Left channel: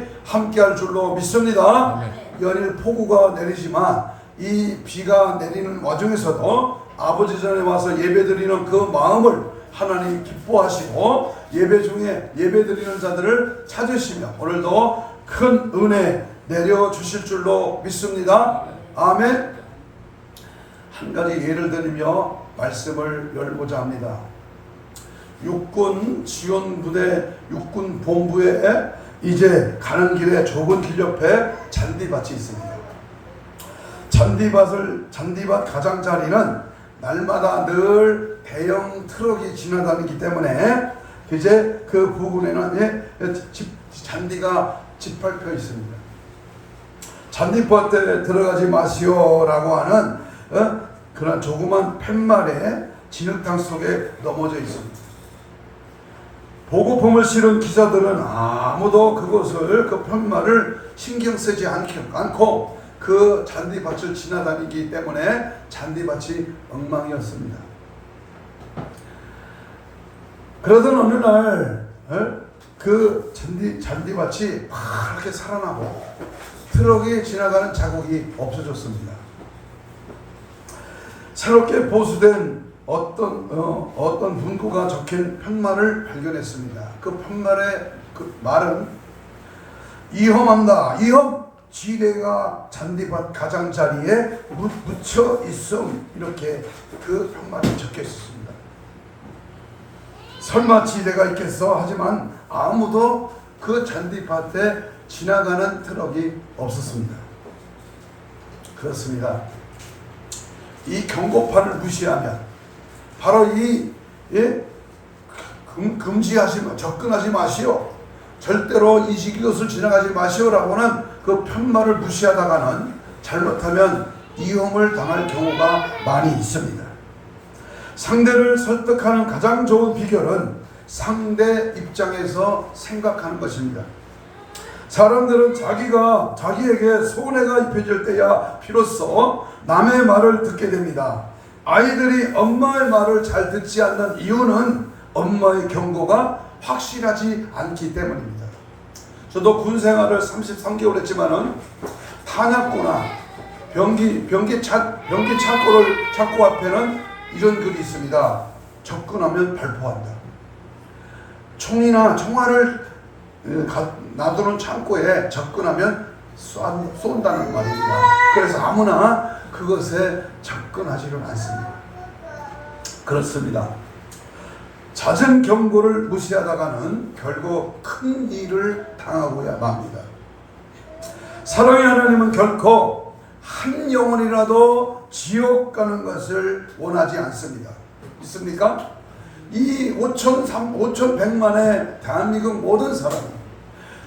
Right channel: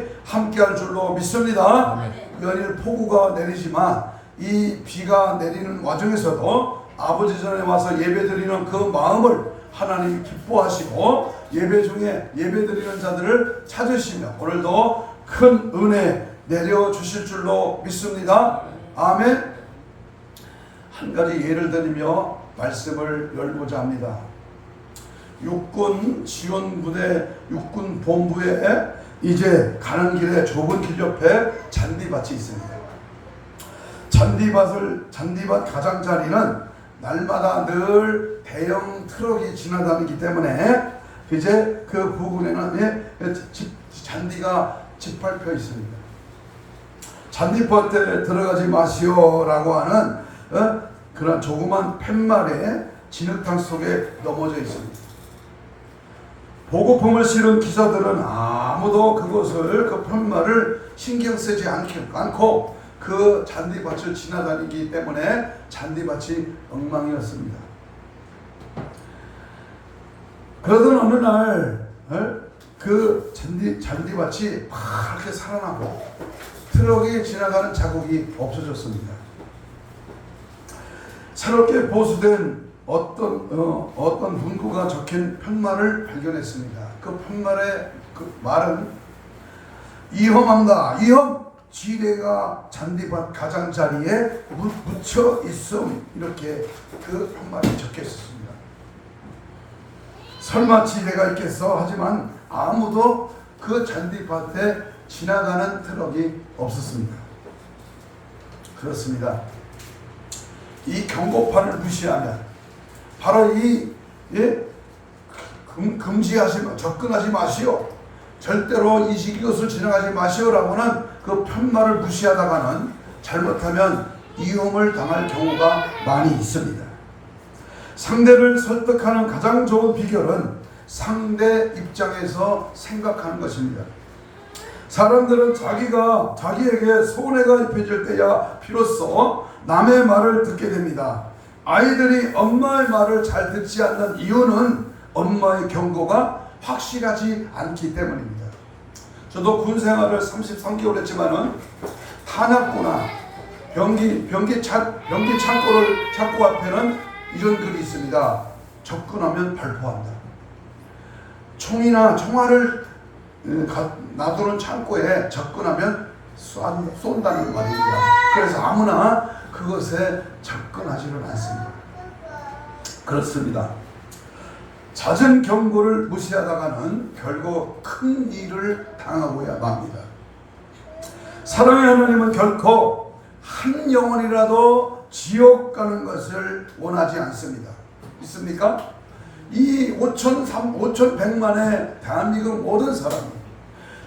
같이 함께할 줄로 믿습니다. 아멘. 연일 폭우가 내리지만 이 비가 내리는 와중에서도 아버지 전에 와서 예배드리는 그 마음을 하나님이 기뻐하시고 예배 중에 예배드리는 자들을 찾으시며 오늘도 큰 은혜 내려주실 줄로 믿습니다. 아멘. 한 가지 예를 들며 말씀을 열고자 합니다. 육군 지원부대 육군 본부에 이제 가는 길에 좁은 길 옆에 잔디밭이 있습니다. 잔디밭 가장자리는 날마다 늘 대형 트럭이 지나다니기 때문에 이제 그 부근에는 잔디가 짓밟혀 있습니다. 잔디밭에 들어가지 마시오라고 하는 그런 조그만 팻말에 진흙탕 속에 넘어져 있습니다. 보급품을 실은 기사들은 아무도 그것을 그 팻말을 신경 쓰지 않고 그 잔디밭을 지나다니기 때문에 잔디밭이 엉망이었습니다. 그러던 어느 날 그 잔디밭이 파랗게 살아나고 트럭이 지나가는 자국이 없어졌습니다. 새롭게 보수된 어떤 문구가 적힌 팻말을 발견했습니다. 그 팻말의 그 말은 위험합니다. 위험! 지뢰가 잔디밭 가장자리에 묻혀 있음, 이렇게 그 팻말이 적혀 있었습니다. 설마 지뢰가 있겠어? 하지만 아무도 그 잔디밭에 지나가는 트럭이 없었습니다. 그렇습니다. 이 경고판을 무시하면 바로 금지하시고 접근하지 마시오, 절대로 이것을 지나가지 마시오라고는 그 팻말을 무시하다가는 잘못하면 위험을 당할 경우가 많이 있습니다. 상대를 설득하는 가장 좋은 비결은 상대 입장에서 생각하는 것입니다. 사람들은 자기에게 손해가 입혀질 때야 비로소 남의 말을 듣게 됩니다. 아이들이 엄마의 말을 잘 듣지 않는 이유는 엄마의 경고가 확실하지 않기 때문입니다. 저도 군 생활을 33개월 했지만은 탄약고나 병기 창고 앞에는 이런 글이 있습니다. 접근하면 발포한다. 총알을 놔두는 창고에 접근하면 쏜다는 말입니다. 그래서 아무나 그것에 접근하지는 않습니다. 그렇습니다. 잦은 경고를 무시하다가는 결국 큰 일을 당하고야 맙니다. 사랑의 하나님은 결코 한 영혼이라도 지옥 가는 것을 원하지 않습니다. 있습니까? 이 5,100만의 대한민국 모든 사람이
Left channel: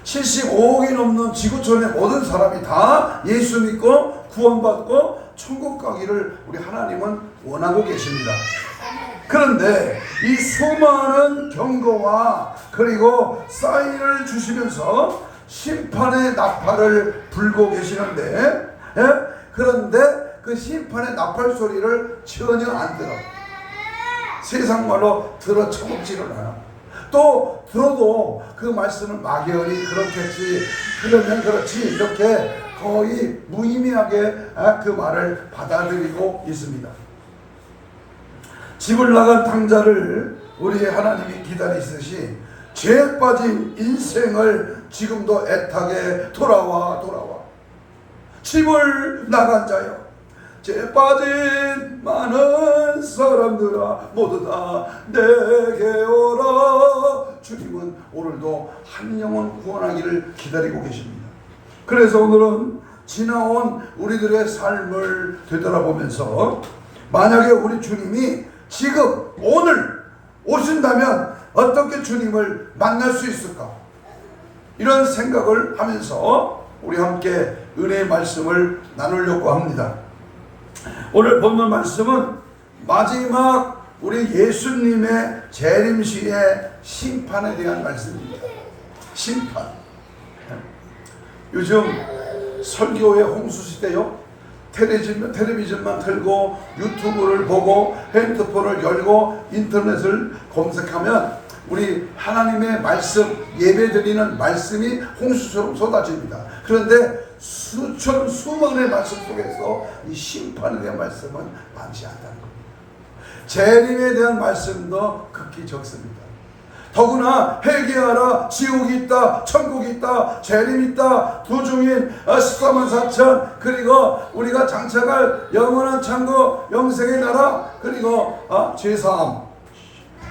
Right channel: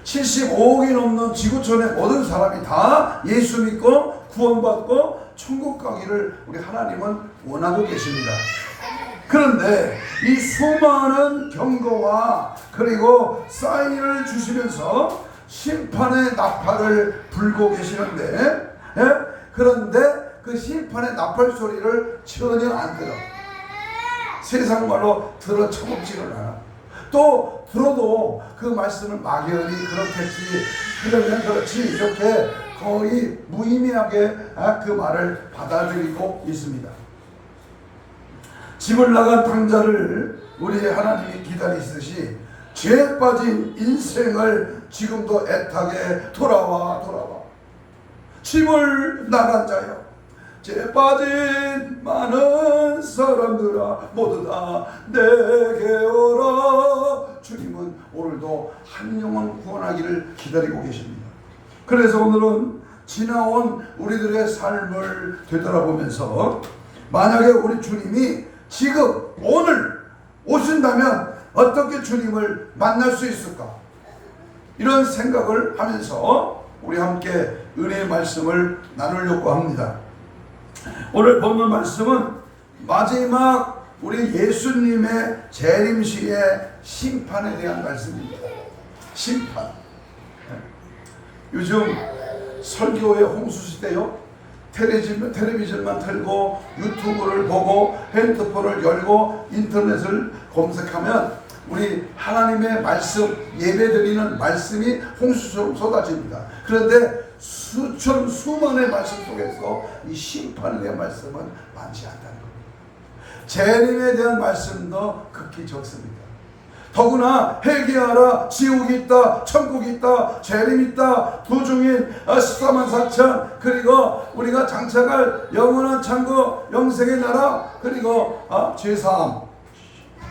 75억이 넘는 지구촌의 모든 사람이 다 예수 믿고 구원받고 천국 가기를 우리 하나님은 원하고 계십니다. 그런데 이 수많은 경고와 그리고 사인을 주시면서 심판의 나팔을 불고 계시는데, 그런데 그 심판의 나팔 소리를 전혀 안 들어. 세상 말로 들어 처먹지를 않아. 또 들어도 그 말씀은 막연히 그렇겠지, 그러면 그렇지, 이렇게 거의 무의미하게 그 말을 받아들이고 있습니다. 집을 나간 탕자를 우리 하나님이 기다리시듯이 죄에 빠진 인생을 지금도 애타게 돌아와. 집을 나간 자여, 죄에 빠진 많은 사람들아 모두 다 내게 오라. 주님은 오늘도 한 영혼 구원하기를 기다리고 계십니다. 그래서 오늘은 지나온 우리들의 삶을 되돌아보면서 만약에 우리 주님이 지금 오늘 오신다면 어떻게 주님을 만날 수 있을까? 이런 생각을 하면서 우리 함께 은혜의 말씀을 나누려고 합니다. 오늘 본문 말씀은 마지막 우리 예수님의 재림시의 심판에 대한 말씀입니다. 심판. 요즘 설교의 홍수시대요. 텔레비전만 틀고 유튜브를 보고 핸드폰을 열고 인터넷을 검색하면 우리 하나님의 말씀, 예배드리는 말씀이 홍수처럼 쏟아집니다. 그런데 수만의 말씀 속에서 이 심판에 대한 말씀은 많지 않다는 겁니다. 재림에 대한 말씀도 극히 적습니다. 더구나 회개하라, 지옥이 있다, 천국이 있다, 재림이 있다, 부중인 14만 4천, 그리고 우리가 장차갈 영원한 천국, 영생의 나라, 그리고 제사함,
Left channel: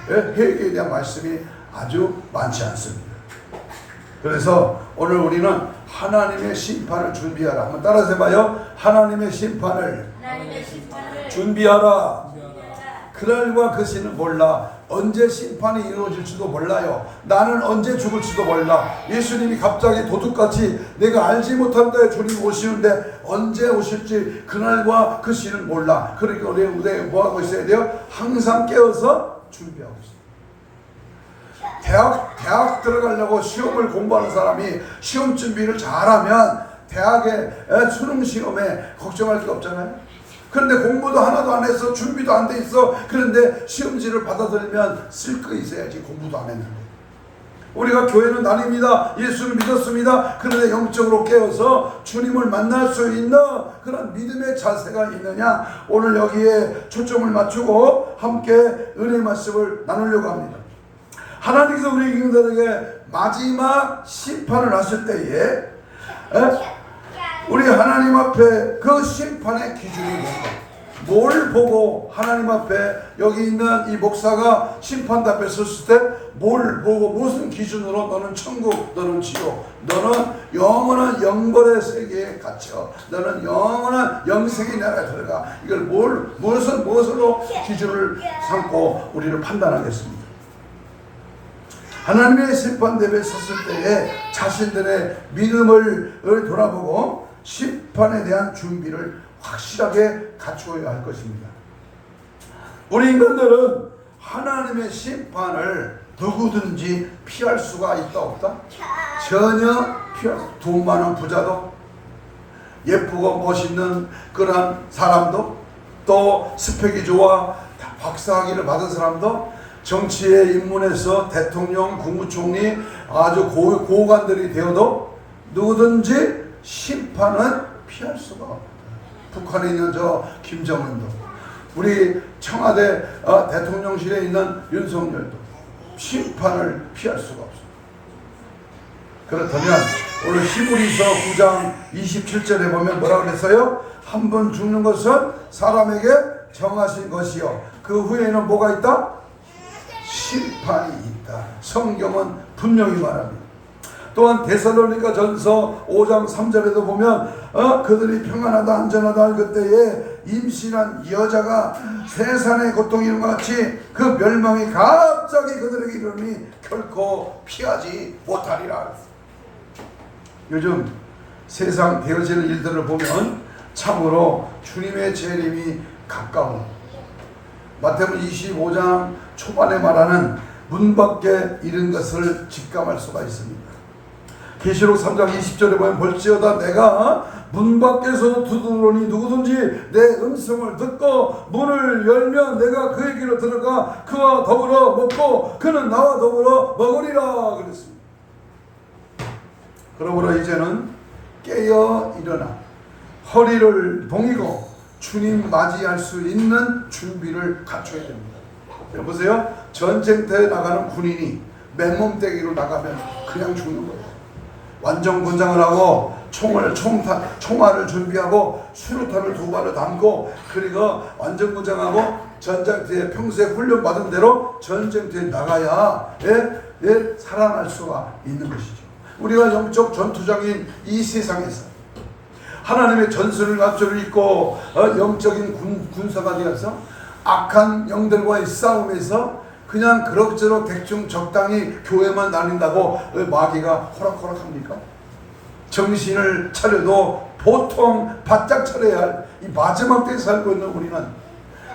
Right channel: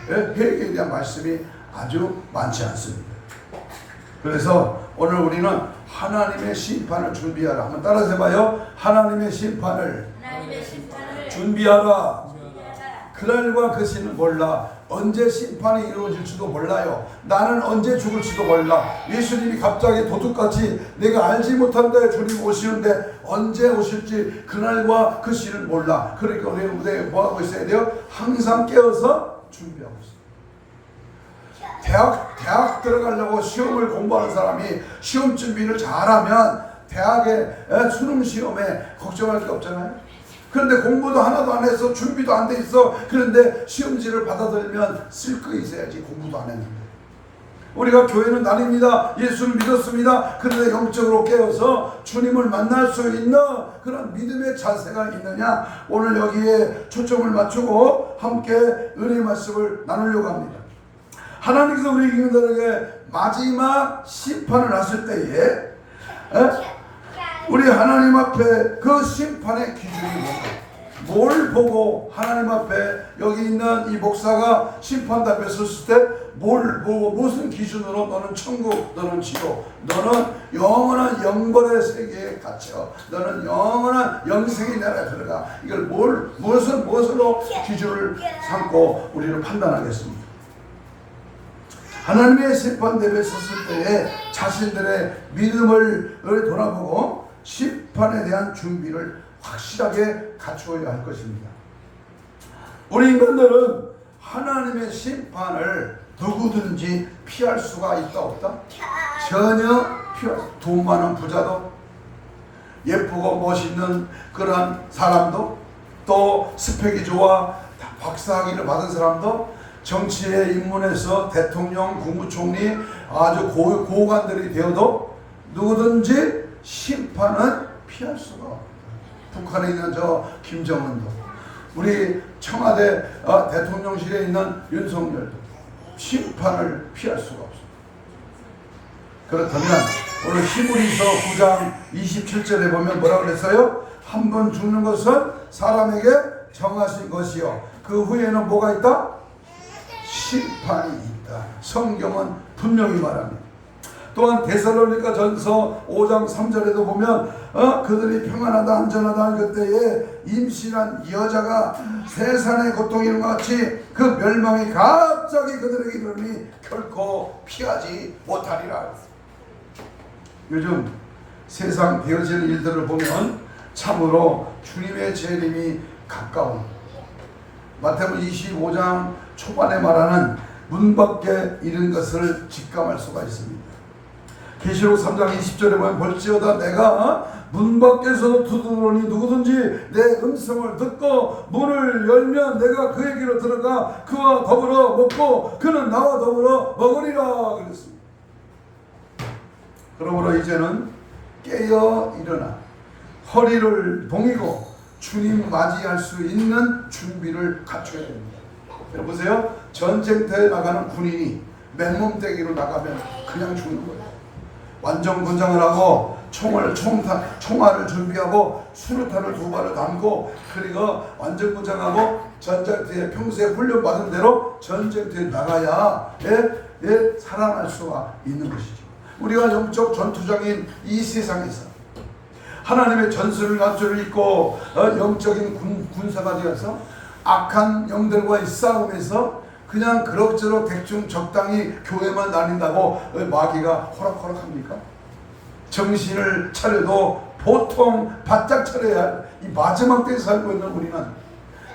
회개에 대한 말씀이 아주 많지 않습니다. 그래서 오늘 우리는 하나님의 심판을 준비하라. 한번 따라서 해봐요. 하나님의 심판을 준비하라. 그날과 그 시는 몰라. 언제 심판이 이루어질지도 몰라요. 나는 언제 죽을지도 몰라. 예수님이 갑자기 도둑같이 내가 알지 못한데 주님 오시는데 언제 오실지 그날과 그 시는 몰라. 그러니까 우리는 무대에 뭐하고 있어야 돼요? 항상 깨어서 준비하고 있어요. 대학 들어가려고 시험을 공부하는 사람이 시험 준비를 잘하면 대학의 수능 시험에 걱정할 게 없잖아요. 그런데 공부도 하나도 안 해서 준비도 안 돼 있어. 그런데 시험지를 받아들면 쓸 거 있어야지. 공부도 안 했는데. 우리가 교회는 아닙니다. 예수를 믿었습니다. 그런데 영적으로 깨어서 주님을 만날 수 있는 그런 믿음의 자세가 있느냐. 오늘 여기에 초점을 맞추고 함께 은혜의 말씀을 나누려고 합니다. 하나님께서 우리 인간들에게 마지막 심판을 하실 때에 우리 하나님 앞에 그 심판의 기준이 뭘 보고 하나님 앞에 여기 있는 이 목사가 심판대 앞에 섰을 때 뭘 보고 무슨 기준으로 너는 천국, 너는 지옥, 너는 영원한 영벌의 세계에 갇혀, 너는 영원한 영생의 나라에 들어가. 이걸 무엇으로 기준을 삼고 우리를 판단하겠습니다. 하나님의 심판대에 섰을 때에 자신들의 믿음을 돌아보고 심판에 대한 준비를 확실하게 갖추어야 할 것입니다. 우리 인간들은 하나님의 심판을 누구든지 피할 수가 있다 없다? 전혀 피할 수 없다. 돈 많은 부자도, 예쁘고 멋있는 그런 사람도, 또 스펙이 좋아 박사학위를 받은 사람도, 정치에 입문해서 대통령, 국무총리 아주 고관들이 되어도 누구든지 심판은 피할 수가 없다. 북한에 있는 저 김정은도, 우리 청와대 대통령실에 있는 윤석열도 심판을 피할 수가 없습니다. 그렇다면 오늘 히브리서 9장 27절에 보면 뭐라고 그랬어요? 한 번 죽는 것은 사람에게 정하신 것이요 그 후에는 뭐가 있다? 심판이 있다. 성경은 분명히 말합니다. 또한 데살로니가 전서 5장 3절에도 보면 그들이 평안하다 안전하다 그때에 임신한 여자가 세상의 고통이 이런 것 같이 그 멸망이 갑자기 그들에게 이르니 결코 피하지 못하리라. 요즘 세상 되어지는 일들을 보면 참으로 주님의 재림이 가까운, 마태복음 25장 초반에 말하는 문 밖에 이른 것을 직감할 수가 있습니다. 계시록 3장 20절에 보면 볼지어다 내가 문 밖에서 두드러니 누구든지 내 음성을 듣고 문을 열면 내가 그의 길로 들어가 그와 더불어 먹고 그는 나와 더불어 먹으리라 그랬습니다. 그러므로 이제는 깨어 일어나 허리를 동이고 주님 맞이할 수 있는 준비를 갖춰야 됩니다. 보세요. 전쟁터에 나가는 군인이 맨몸대기로 나가면 그냥 죽는 거예요. 완전 군장을 하고 총알을 준비하고 수류탄을 2발을 담고 그리고 완전 군장하고 전쟁터에 평소에 훈련받은 대로 전쟁터에 나가야 살아날 수가 있는 것이죠. 우리가 영적 전투장인 이 세상에서 하나님의 전술을 갖추고 있고 영적인 군사가 되어서 악한 영들과의 싸움에서 그냥 그럭저럭 대충 적당히 교회만 다닌다고 마귀가 호락호락합니까? 정신을 차려도 보통 바짝 차려야 할 이 마지막 때에 살고 있는 우리는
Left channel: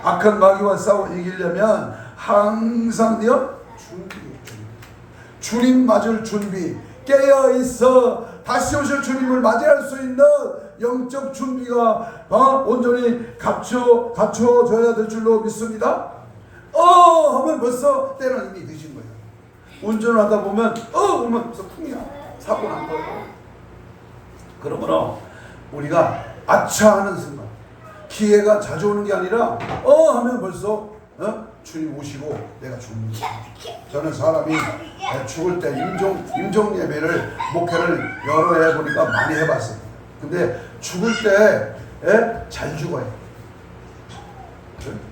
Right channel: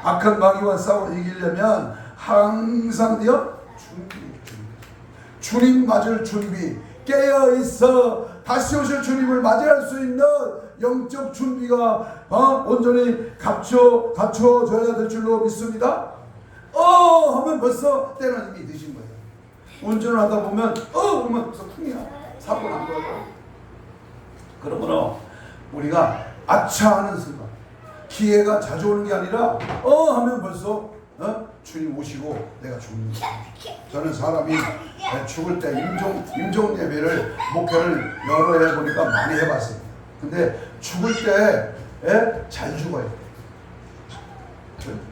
악한 마귀와 싸워 이기려면 항상 준비. 주님 맞을 준비, 깨어있어 다시 오실 주님을 맞이할 수 있는 영적 준비가 온전히 갖춰져야 될 줄로 믿습니다. 하면 벌써 때는 이미 늦은 거예요. 운전을 하다 보면 그러면서 풍이야. 사고 난 거예요. 그러므로 우리가 아차 하는 순간, 기회가 자주 오는 게 아니라 하면 벌써 주님 오시고 내가 죽는 거예요. 저는 사람이 죽을 때 임종 예배를 목회를 여러 해 보니까 많이 해봤어요. 근데 죽을 때 잘 죽어요.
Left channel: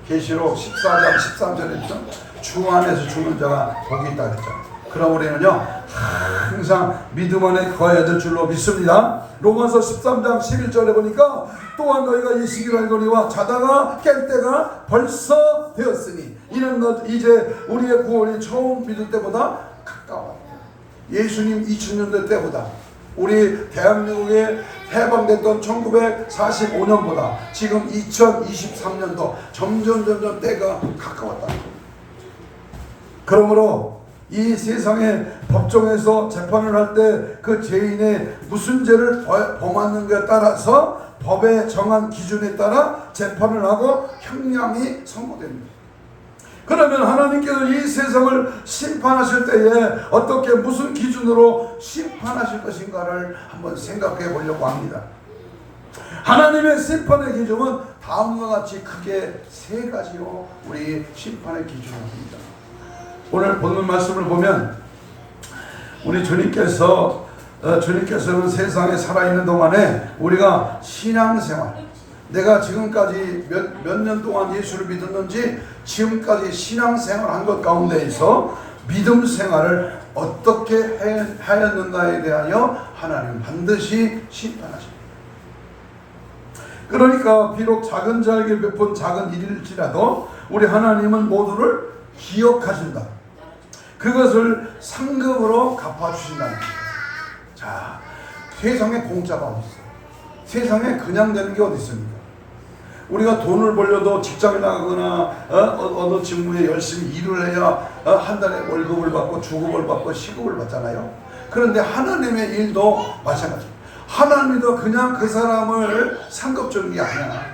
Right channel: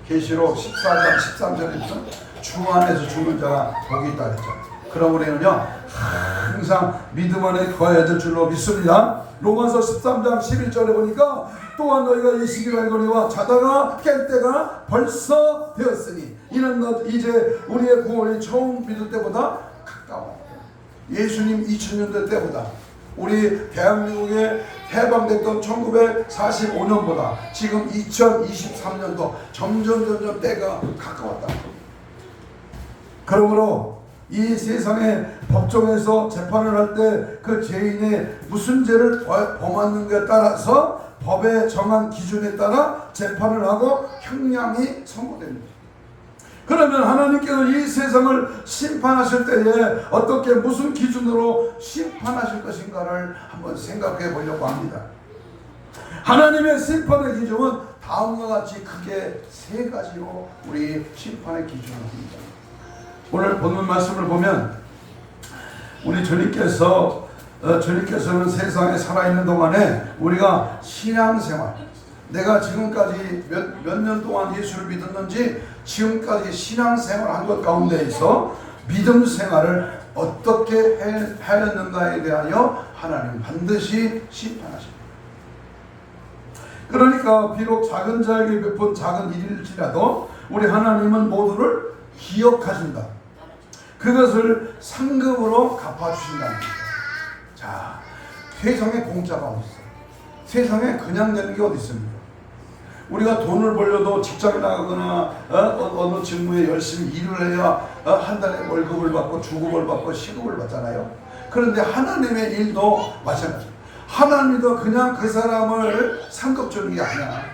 계시록 14장 13절에 있죠. 주 안에서 죽는 자가 복이 있다 그랬죠. 그럼 우리는요 항상 믿음 안에 거해야 될 줄로 믿습니다. 로마서 13장 11절에 보니까 또한 너희가 이 시기를 알거니와 자다가 깰 때가 벌써 되었으니 이는 이제 우리의 구원이 처음 믿을 때보다 가까워. 예수님 2000년대 때보다 우리 대한민국에 해방됐던 1945년보다 지금 2023년도 점점 때가 가까웠다. 그러므로 이 세상의 법정에서 재판을 할 때 그 죄인의 무슨 죄를 범하는가에 따라서 법에 정한 기준에 따라 재판을 하고 형량이 선고됩니다. 그러면 하나님께서 이 세상을 심판하실 때에 어떻게 무슨 기준으로 심판하실 것인가를 한번 생각해 보려고 합니다. 하나님의 심판의 기준은 다음과 같이 크게 세 가지로 우리 심판의 기준을 합니다. 오늘 본문 말씀을 보면 우리 주님께서는 세상에 살아있는 동안에 우리가 신앙생활, 내가 지금까지 몇 년 동안 예수를 믿었는지 지금까지 신앙생활 한 것 가운데에서 믿음 생활을 어떻게 하였는가에 대하여 하나님 반드시 심판하십니다. 그러니까 비록 작은 자에게 베푼 작은 일일지라도 우리 하나님은 모두를 기억하신다. 그것을 상급으로 갚아주신다는 겁니다. 자, 세상에 공짜가 어디 있어요? 세상에 그냥 되는 게 어디 있습니까? 우리가 돈을 벌려도 직장에 나가거나 어느 직무에 열심히 일을 해야 한 달에 월급을 받고 주급을 받고 시급을 받잖아요. 그런데 하나님의 일도 마찬가지입니다. 하나님도 그냥 그 사람을 상급 주는 게 아니야.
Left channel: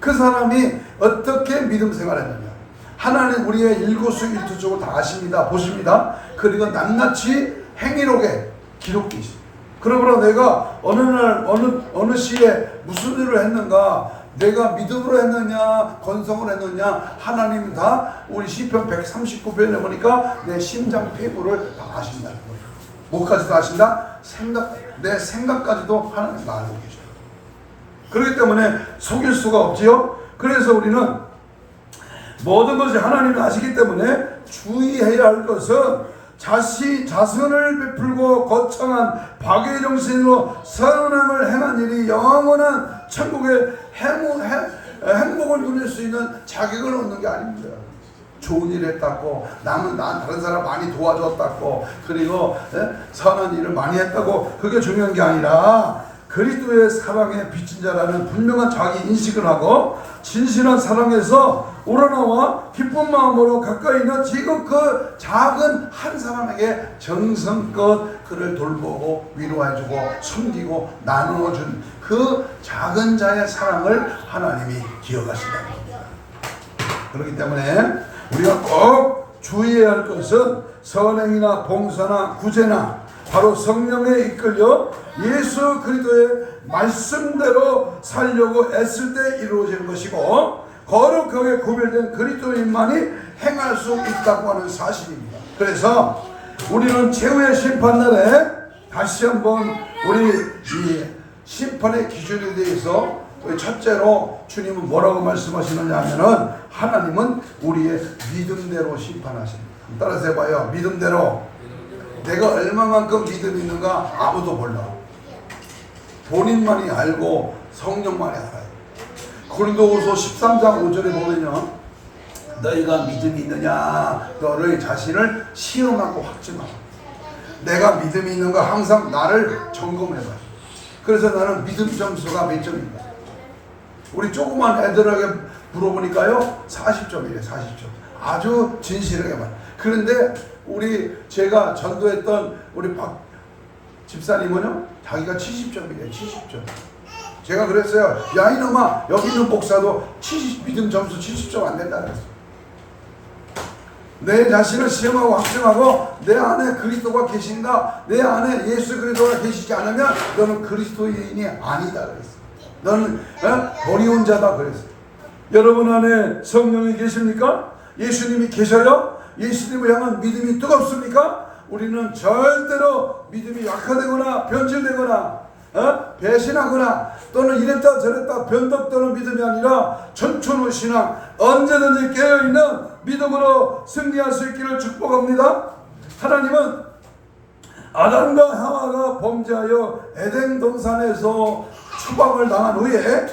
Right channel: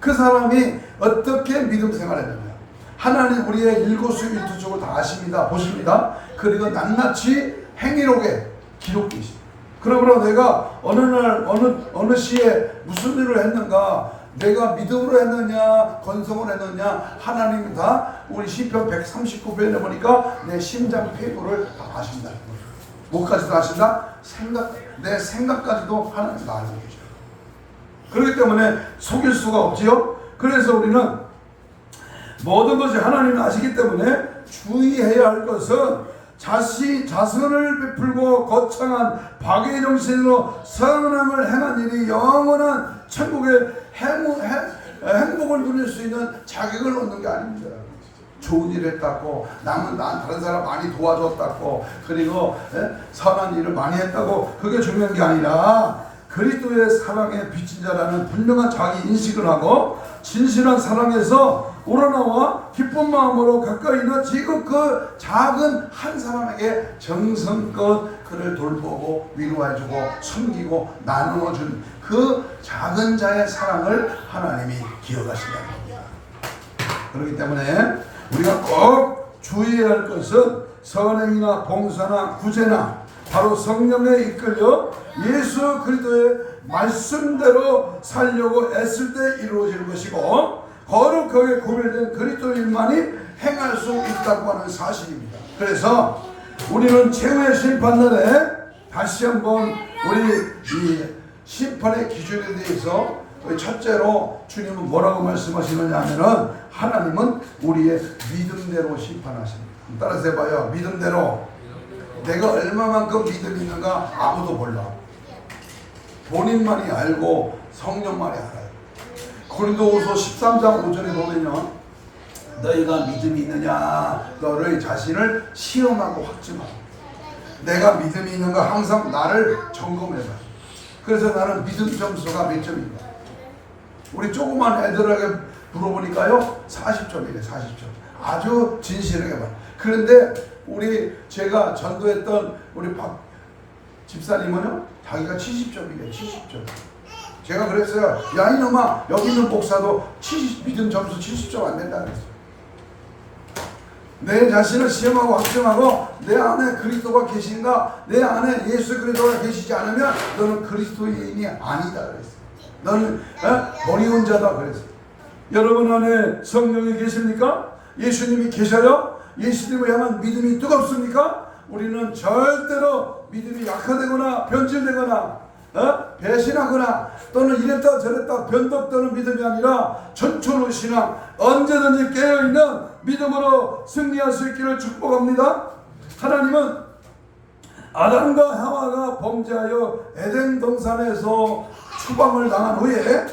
그 사람이 어떻게 믿음 생활했느냐. 하나님 우리의 일거수일투족을 다 아십니다. 보십니다. 그리고 낱낱이 행위록에 기록되어 있습니다. 그러므로 내가 어느 날 어느 시에 무슨 일을 했는가, 내가 믿음으로 했느냐 건성을 했느냐 하나님은 다 우리 시편 139편에 보니까 내 심장 폐부를 다 아신다. 뭐까지도 아신다? 내 생각까지도 하나님 알고 계셔요. 그렇기 때문에 속일 수가 없지요. 그래서 우리는 모든 것이 하나님이 아시기 때문에 주의해야 할 것은 자선을 베풀고 거창한 박의 정신으로 선함을 행한 일이 영원한 천국의 행복을 누릴 수 있는 자격을 얻는 게 아닙니다. 좋은 일을 했다고 난 다른 사람 많이 도와줬다고 그리고 선한 일을 많이 했다고 그게 중요한 게 아니라 그리스도의 사랑에 비친 자라는 분명한 자기 인식을 하고 진실한 사랑에서 우러나와 기쁜 마음으로 가까이 있는 지금 그 작은 한 사람에게 정성껏 그를 돌보고 위로해주고 섬기고 나누어준 그 작은 자의 사랑을 하나님이 기억하신다는 겁니다. 그렇기 때문에 우리가 꼭 주의해야 할 것은 선행이나 봉사나 구제나 바로 성령에 이끌려 예수 그리스도의 말씀대로 살려고 애쓸 때 이루어지는 것이고 거룩하게 구별된 그리스도인만이 행할 수 있다고 하는 사실입니다. 그래서 우리는 최후의 심판날에 다시 한번 우리 이 심판의 기준에 대해서 첫째로 주님은 뭐라고 말씀하시느냐 하면은 하나님은 우리의 믿음대로 심판하십니다. 따라서 해봐요. 믿음대로. 내가 얼마만큼 믿음이 있는가 아무도 몰라. 본인만이 알고 성령만이 알아요. 고린도후서 13장 5절에 보면요, 너희가 믿음이 있느냐 너의 자신을 시험하고 확증하라. 내가 믿음이 있는가 항상 나를 점검해봐. 그래서 나는 믿음 점수가 몇 점인가. 우리 조그만 애들에게 물어보니까요 40점이래. 40점. 아주 진실하게 말. 그런데 제가 전도했던 우리 박 집사님은요 자기가 70점이래. 70점. 제가 그랬어요. 야 이놈아 여기 있는 목사도 믿음 점수 70점 안 된다 그랬어요. 내 자신을 시험하고 확증하고 내 안에 그리스도가 계신가, 내 안에 예수 그리스도가 계시지 않으면 너는 그리스도인이 아니다 그랬어. 너는 버리운 자다 그랬어. 여러분 안에 성령이 계십니까? 예수님이 계셔요? 예수님을 향한 믿음이 뜨겁습니까? 우리는 절대로 믿음이 약화되거나 변질되거나 배신하거나 또는 이랬다 저랬다 변덕되는 믿음이 아니라 전천후 신앙, 언제든지 깨어있는 믿음으로 승리할 수 있기를 축복합니다. 하나님은 아담과 하와가 범죄하여 에덴 동산에서 추방을 당한 후에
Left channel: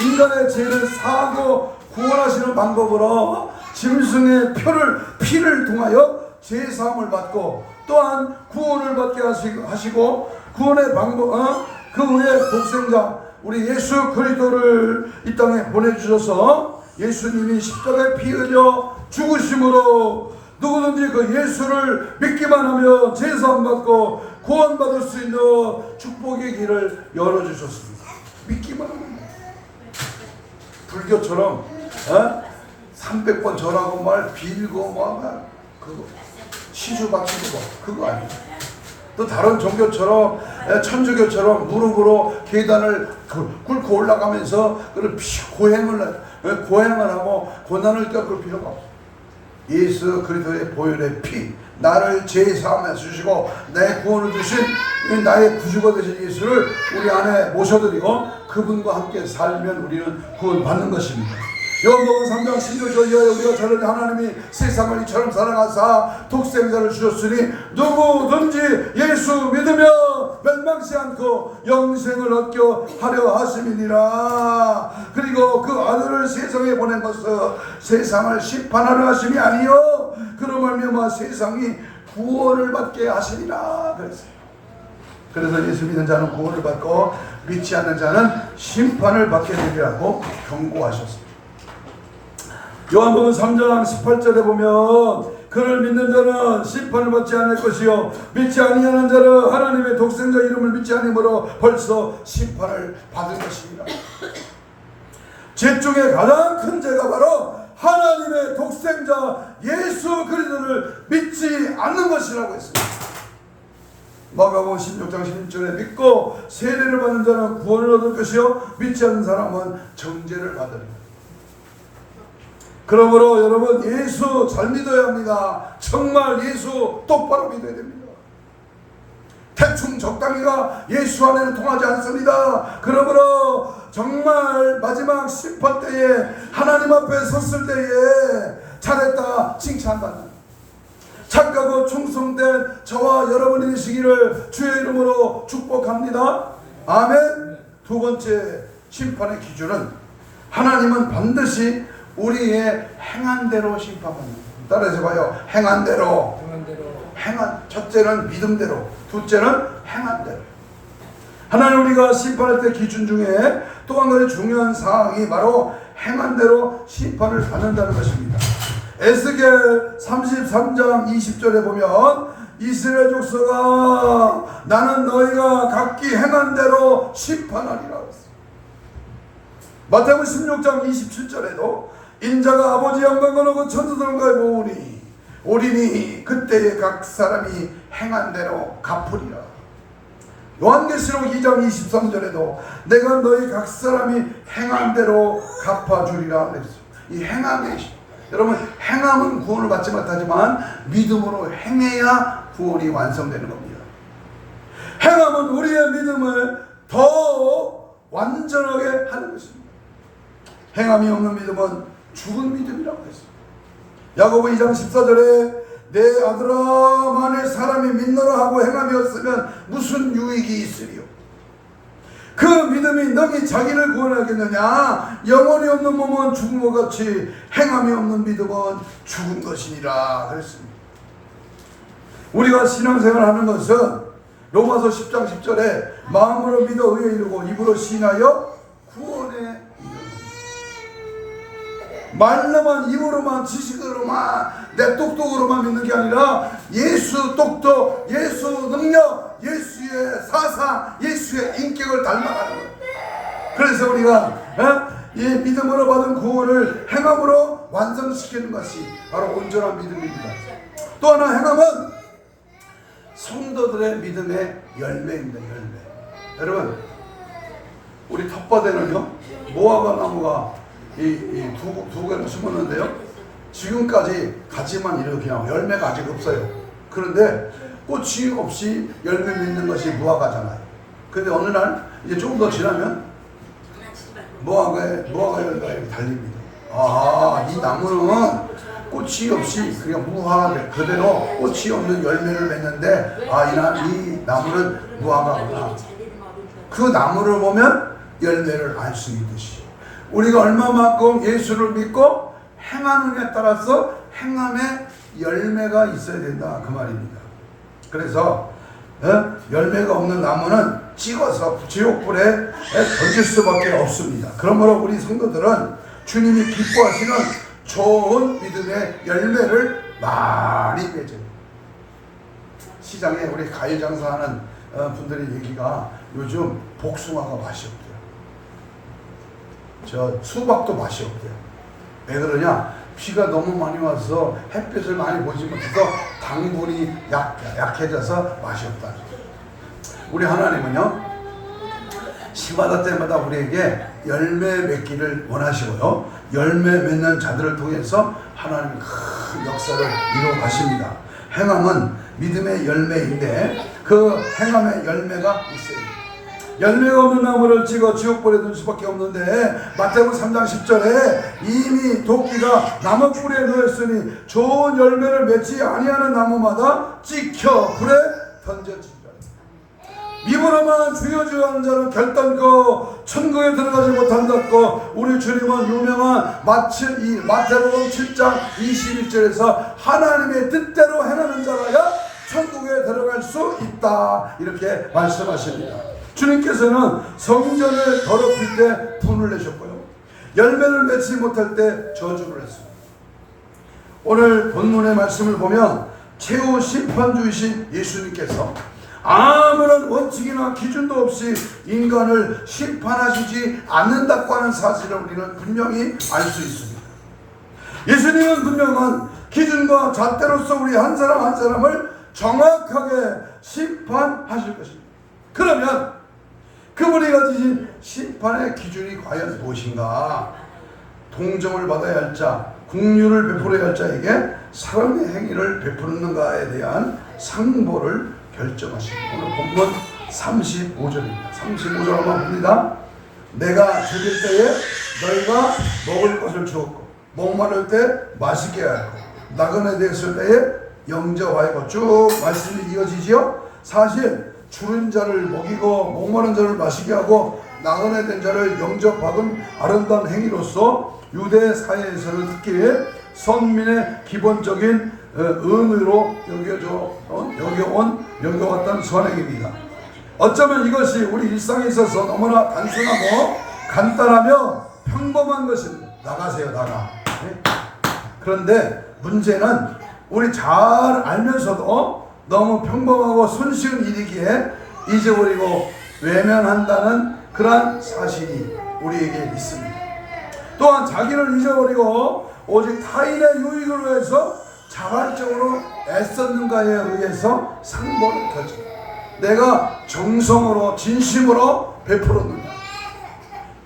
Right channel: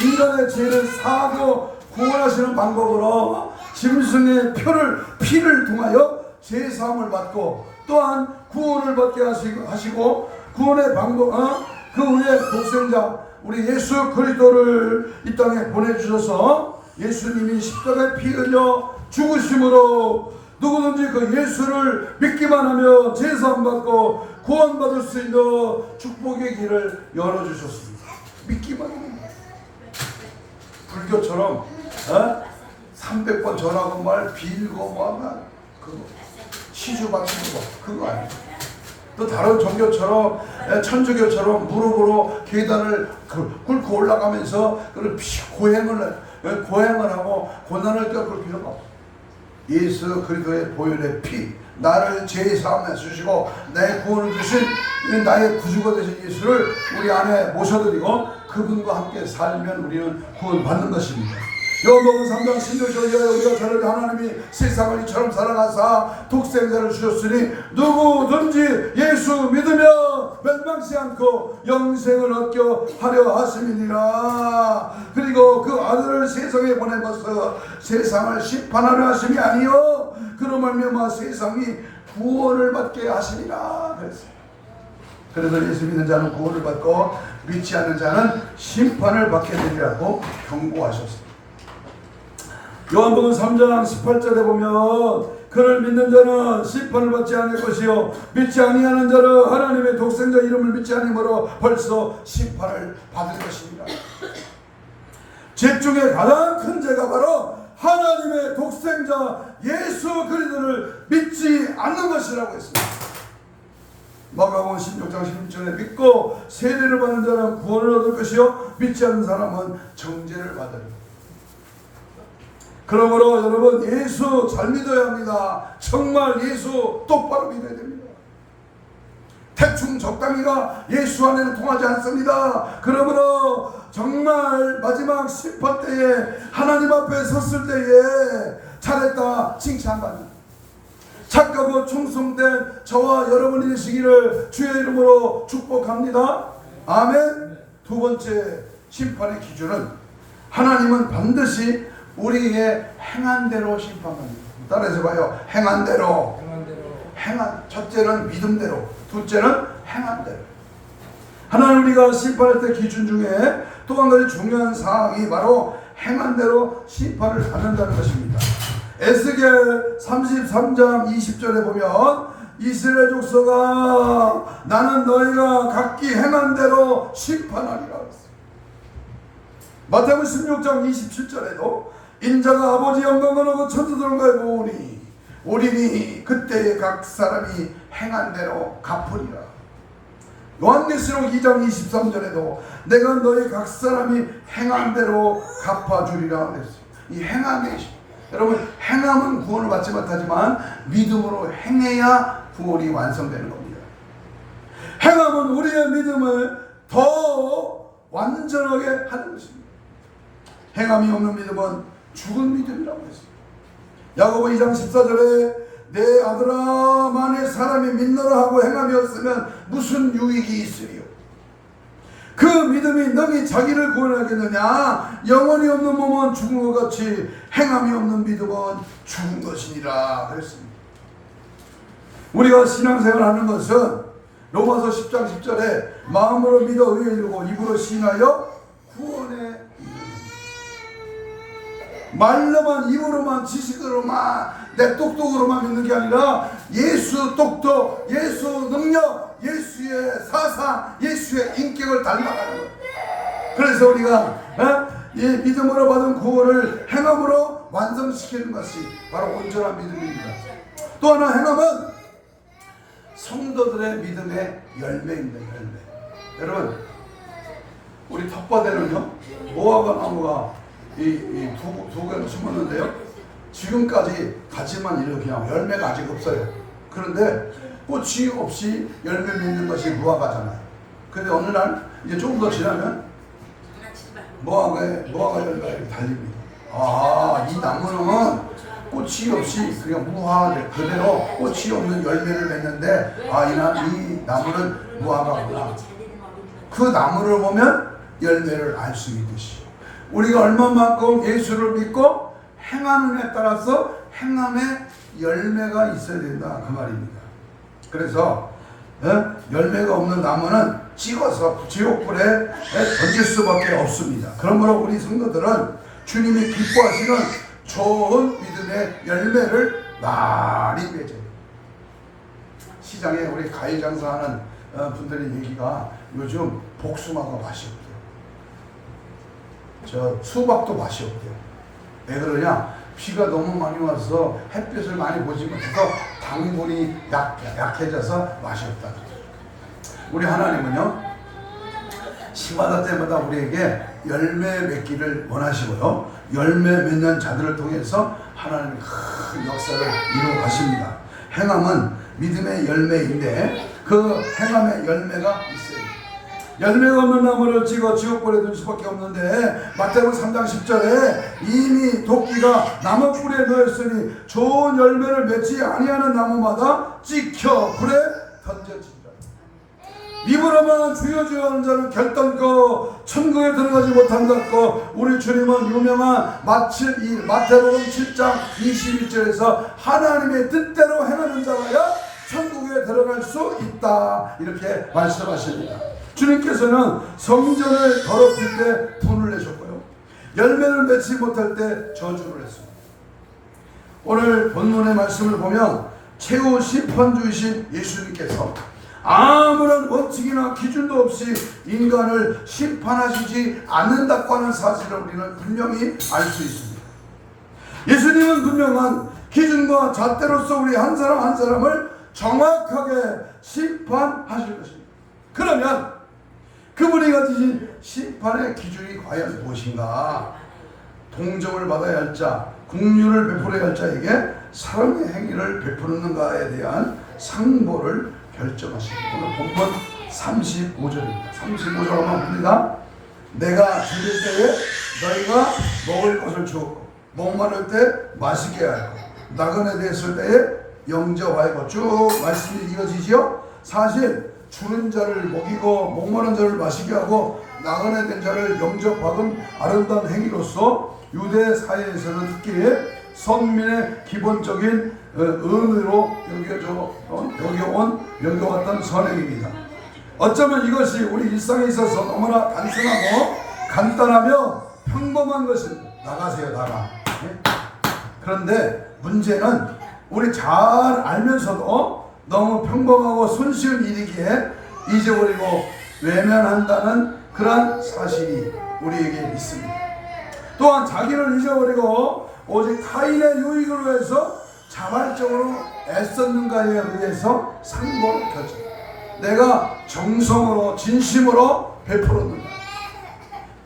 인간의 죄를 사하고 구원하시는 방법으로 짐승의 피를 통하여 죄사함을 받고 또한 구원을 받게 하시고 구원의 방법, 그 후에 독생자 우리 예수 그리스도를 이 땅에 보내주셔서 예수님이 십자가에 피 흘려 죽으심으로 누구든지 그 예수를 믿기만 하면 제사함 받고 구원받을 수 있는 축복의 길을 열어주셨습니다. 믿기만 하면. 불교처럼 300번 절하고 말 빌고 그거 시주 바치고 그거 아니에요. 또 다른 종교처럼 천주교처럼 무릎으로 계단을 꿇고 올라가면서 고행을 하고 고난을 겪을 필요가 없어요. 예수 그리스도의 보혈의 피, 나를 죄사함해 주시고 내 구원을 주신 나의 구주가 되신 예수를 우리 안에 모셔드리고 그분과 함께 살면 우리는 구원받는 것입니다. 요한복음 3장 16절에 우리가 저를 하나님이 세상을 이처럼 사랑하사 독생자를 주셨으니 누구든지 예수 믿으며 멸망치 않고 영생을 얻게 하려 하심이니라. 그리고 그 아들을 세상에 보낸 것은 세상을 심판하려 하심이 아니요 그로 말미암아 세상이 구원을 받게 하시리라 그랬어요. 그래서 예수 믿는 자는 구원을 받고 믿지 않는 자는 심판을 받게 되리라고 경고하셨습니다. 요한복음 3장 18절에 보면 그를 믿는 자는 심판을 받지 않을 것이요 믿지 아니하는 자는 하나님의 독생자 이름을 믿지 않으므로 벌써 심판을 받을 것이니라. 죄 중에 가장 큰 죄가 바로 하나님의 독생자 예수 그리스도를 믿지 않는 것이라고 했습니다. 마가복음 16장 16절에 믿고 세례를 받는 자는 구원을 얻을 것이요 믿지 않는 사람은 정죄를 받으리라. 그러므로 여러분 예수 잘 믿어야 합니다. 정말 예수 똑바로 믿어야 됩니다. 대충 적당히가 예수 안에는 통하지 않습니다. 그러므로 정말 마지막 심판 때에 하나님 앞에 섰을 때에 잘했다 칭찬받는 착하고 충성된 저와 여러분이 되시기를 주의 이름으로 축복합니다. 아멘. 두 번째 심판의 기준은 하나님은 반드시 우리의 행한 대로 심판합니다. 따라해서 봐요. 행한 대로. 첫째는 믿음대로, 둘째는 행한 대로. 하나님 우리가 심판할 때 기준 중에 또 한 가지 중요한 사항이 바로 행한 대로 심판을 받는다는 것입니다. 에스겔 33장 20절에 보면 이스라엘 족속아 나는 너희가 각기 행한 대로 심판하리라. 마태복음 16장 27절에도 인자가 아버지 영광을 얻고 천사들과의 보으니 오리니 그때에 각 사람이 행한 대로 갚으리라. 요한계시록 2장 23절에도 내가 너희 각 사람이 행한 대로 갚아주리라 그랬어요. 이 행함이 여러분 행함은 구원을 받지 못하지만 믿음으로 행해야 구원이 완성되는 겁니다. 행함은 우리의 믿음을 더 완전하게 하는 것입니다. 행함이 없는 믿음은 죽은 믿음이라고 했어요. 야고보 2장 14절에 내 아들아 만일 사람이 믿노라 하고 행함이 없으면 무슨 유익이 있으리요. 그 믿음이 능히 자기를 구원하겠느냐. 영혼이 없는 몸은 죽은 것 같이 행함이 없는 믿음은 죽은 것이니라 그랬습니다. 우리가 신앙생활을 하는 것은 로마서 10장 10절에 마음으로 믿어 의에 이르고 입으로 시인하여 구원에 이르는 말로만 입으로만 지식으로만 내 똑똑으로만 믿는 게 아니라 예수 똑똑, 예수 능력, 예수의 사상, 예수의 인격을 닮아가는 거예요. 그래서 우리가 이 믿음으로 받은 구원을 행함으로 완성시키는 것이 바로 온전한 믿음입니다. 또 하나 행함은 성도들의 믿음의 열매입니다. 열매. 여러분, 우리 텃밭에는요 무화과 나무가 두 개를 심었는데요, 지금까지 가지만 이렇게 그냥 열매가 아직 없어요. 그런데 꽃이 없이 열매 맺는 것이 무화과잖아요. 근데 어느 날 이제 조금 더 지나면 무화과 열매가 이렇게 달립니다. 아, 이 나무는 꽃이 없이 그냥 무화과 그대로 꽃이 없는 열매를 맺는데, 이 나무는 무화과구나. 그 나무를 보면 열매를 알 수 있듯이 우리가 얼마만큼 예수를 믿고 행하느냐에 따라서 행함의 열매가 있어야 된다, 그 말입니다. 그래서 열매가 없는 나무는 찍어서 지옥불에 던질 수밖에 없습니다. 그러므로 우리 성도들은 주님이 기뻐하시는 좋은 믿음의 열매를 많이 맺어요. 시장에 우리 과일 장사하는 분들의 얘기가 요즘 복숭아가 맛이 없대요. 저 수박도 맛이 없대요. 왜 그러냐? 비가 너무 많이 와서 햇빛을 많이 보지 못해서 당분이 약해져서 맛이 없다는 거예요. 우리 하나님은요, 시마다 때마다 우리에게 열매 맺기를 원하시고요, 열매 맺는 자들을 통해서 하나님이 큰 역사를 이루어 가십니다. 행함은 믿음의 열매인데 그 행함의 열매가 있어요. 열매가 없는 나무를 찍어 지옥불에 둘 수밖에 없는데, 마태복음 3장 10절에 이미 도끼가 나무 뿌리에 놓였으니 좋은 열매를 맺지 아니하는 나무마다 찍혀 불에 던져지리라. 믿으로만 주여 주여 하는 자는 결단코 천국에 들어가지 못한다고 우리 주님은 유명한 마태복음 7장 21절에서 하나님의 뜻대로 행하는 자라야 천국에 들어갈 수 있다, 이렇게 말씀하십니다. 주님께서는 성전을 더럽힐 때 분을 내셨고요, 열매를 맺지 못할 때 저주를 했습니다. 오늘 본문의 말씀을 보면 최후 심판주이신 예수님께서 아무런 원칙이나 기준도 없이 인간을 심판하시지 않는다고 하는 사실을 우리는 분명히 알 수 있습니다. 예수님은 분명한 기준과 잣대로서 우리 한 사람 한 사람을 정확하게 심판하실 것입니다. 그러면 그분이 가지신 심판의 기준이 과연 무엇인가? 동정을 받아야 할 자, 긍휼을 베풀어야 할 자에게 사랑의 행위를 베푸는가에 대한 상보를 결정하십니다. 오늘 본문 35절입니다. 35절 한번 봅니다. 내가 죽일 때에 너희가 먹을 것을 주었고, 목마를 때 마시게 하였고, 나그네 되었을 때에 영접하였고, 쭉 말씀이 이어지지요. 사실 죽은 자를 먹이고 목마른 자를 마시게 하고 나그네 된 자를 영접받은 아름다운 행위로서 유대 사회에서는 특히 선민의 기본적인 은혜로 여겨왔던 선행입니다. 어쩌면 이것이 우리 일상에 있어서 너무나 단순하고 간단하며 평범한 것입니다. 나가세요, 나가. 그런데 문제는 우리 잘 알면서도 너무 평범하고 손쉬운 일이기에 잊어버리고 외면한다는 그러한 사실이 우리에게 있습니다. 또한 자기를 잊어버리고 오직 타인의 유익을 위해서 자발적으로 애썼는가에 의해서 상보를 결정. 내가 정성으로 진심으로 베풀었는가,